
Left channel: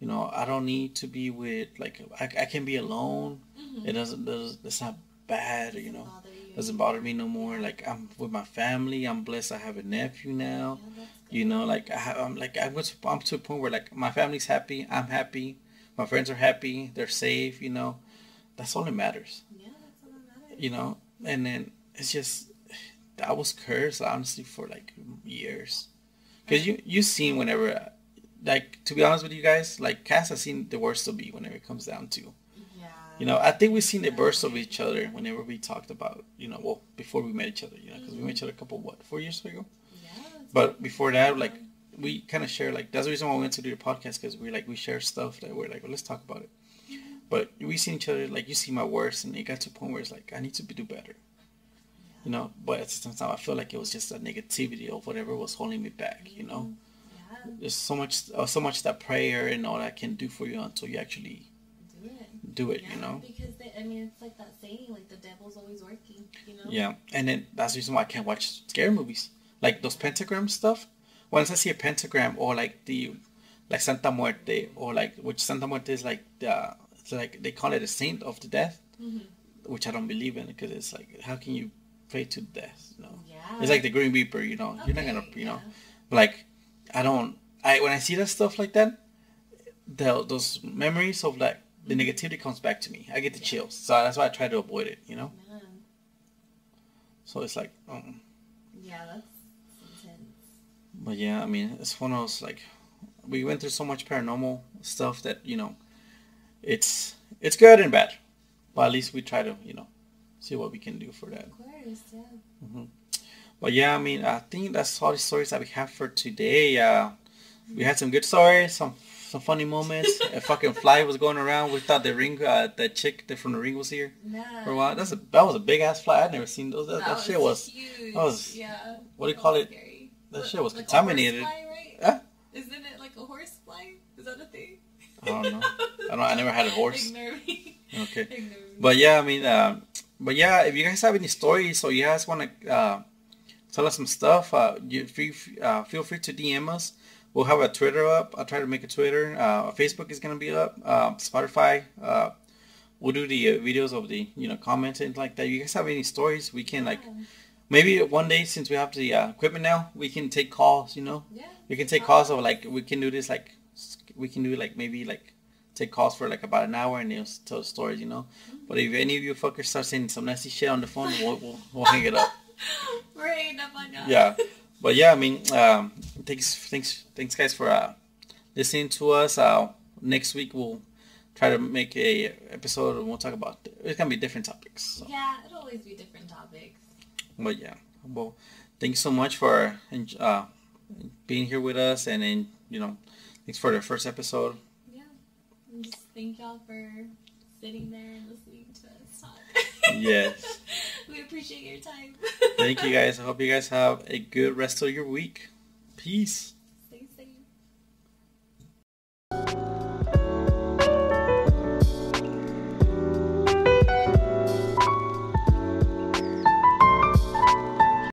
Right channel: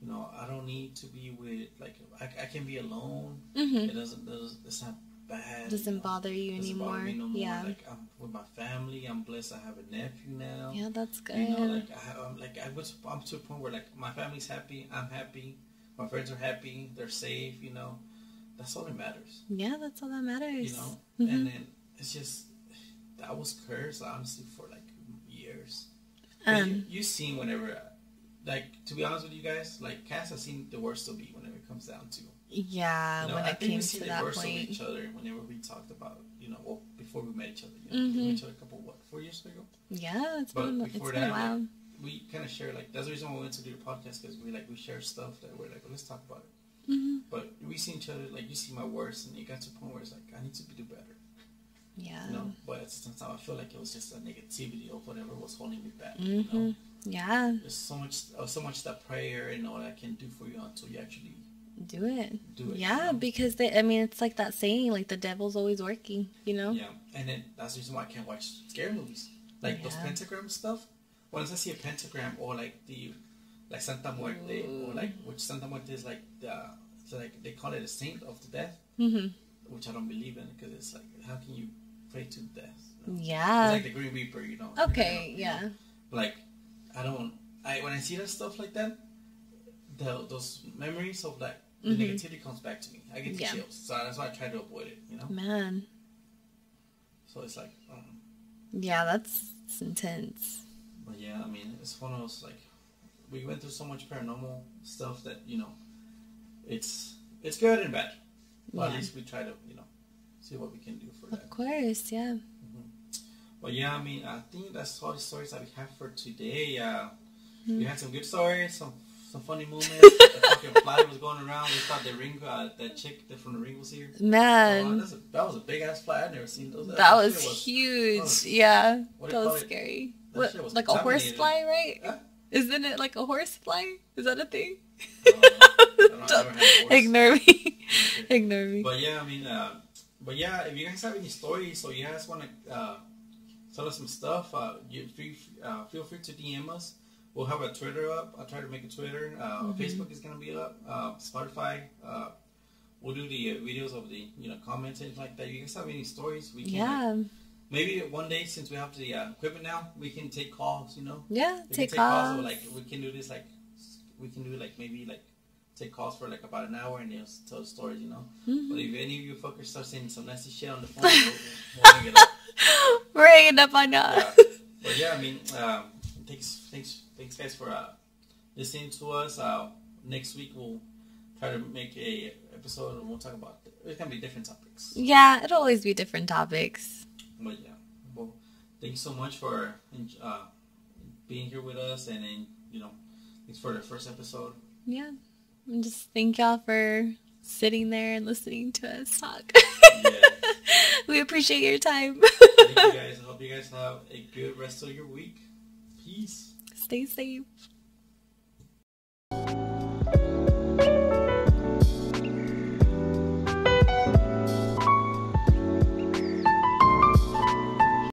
you know. I don't need to be with like I can be alone. It it's not bad. Doesn't bother you. Doesn't bother me no more. Like I'm with my family. I'm blessed. I have a nephew now. Yeah, that's good. You know, like I'm to a point where like my family's happy. I'm happy. My friends are happy. They're safe. You know, that's all that matters. Yeah, that's all that matters. You know, and then it's just I was cursed honestly for like years. Because you seen whenever. Like, to be honest with you guys, like, Cass has seen the worst of me whenever it comes down to. Yeah. You know, I think we've seen the worst of each other whenever we talked about, you know, well, before we met each other. You know, because we met each other a couple, 4 years ago? Yeah. But before that, like, we kind of share, like, that's the reason why we went to do the podcast, because we share stuff that we're like, well, let's talk about it. But we seen each other, like, you see my worst, and it got to a point where it's like, I need to do better. Yeah. You know, but at the same time, I feel like it was just a negativity of whatever was holding me back, you know? Yeah. There's so much that prayer and all that can do for you until you actually do it. Yeah, you know? because it's like that saying, like the devil's always working, you know? Yeah, and then that's the reason why I can't watch scary movies. Like those pentagram stuff. Once I see a pentagram or like Santa Muerte or like, which Santa Muerte is like it's like they call it a saint of the death, which I don't believe in because it's like, how can you pray to death? You know? Yeah. It's like the Green Reaper, you know? Okay, You're not gonna, you know? Like, when I see that stuff like that, those memories of like the negativity comes back to me. I get the chills, so that's why I try to avoid it. You know, man. So it's like, yeah, that's intense. But yeah, I mean, it's one of those like we went through so much paranormal stuff that you know, it's good and bad, but at least we try to see what we can do for that. Of course, yeah. But yeah, I mean, I think that's all the stories that we have for today. We had some good stories, some funny moments. A fucking fly was going around. We thought the ring, that chick from the ring was here. Man, so, that was a big ass fly. I'd never seen those. That was huge. Yeah. What do you call it? Scary. That shit was like contaminated. A horse fly, right? Huh? Isn't it like a horse fly? Is that a thing? I don't know. I never had a horse. Ignore me. Okay. Ignore me. But yeah, I mean, if you guys have any stories or you guys want to tell us some stuff, feel free to DM us. We'll have a Twitter up. I'll try to make a Twitter. Facebook is going to be up. Spotify. We'll do the videos of the comments and like that. You guys have any stories? We can maybe one day, since we have the equipment now, we can take calls. Yeah. We can take calls. Or like we can do this we can do maybe take calls for like about an hour and tell the stories. But if any of you fuckers start saying some nasty shit on the phone, we'll hang it up. We're hanging up on us. Yeah. But yeah, I mean, thanks guys for listening to us. Next week we'll try to make a episode and we'll talk about, it's gonna be different topics. So. Yeah, it'll always be different topics. But yeah, well, thank you so much for being here with us, and then thanks for the first episode. Yeah, and just thank y'all for sitting there and listening to us talk. Yes. We appreciate your time. Thank you guys. I hope you guys have a good rest of your week. Peace. Stay safe.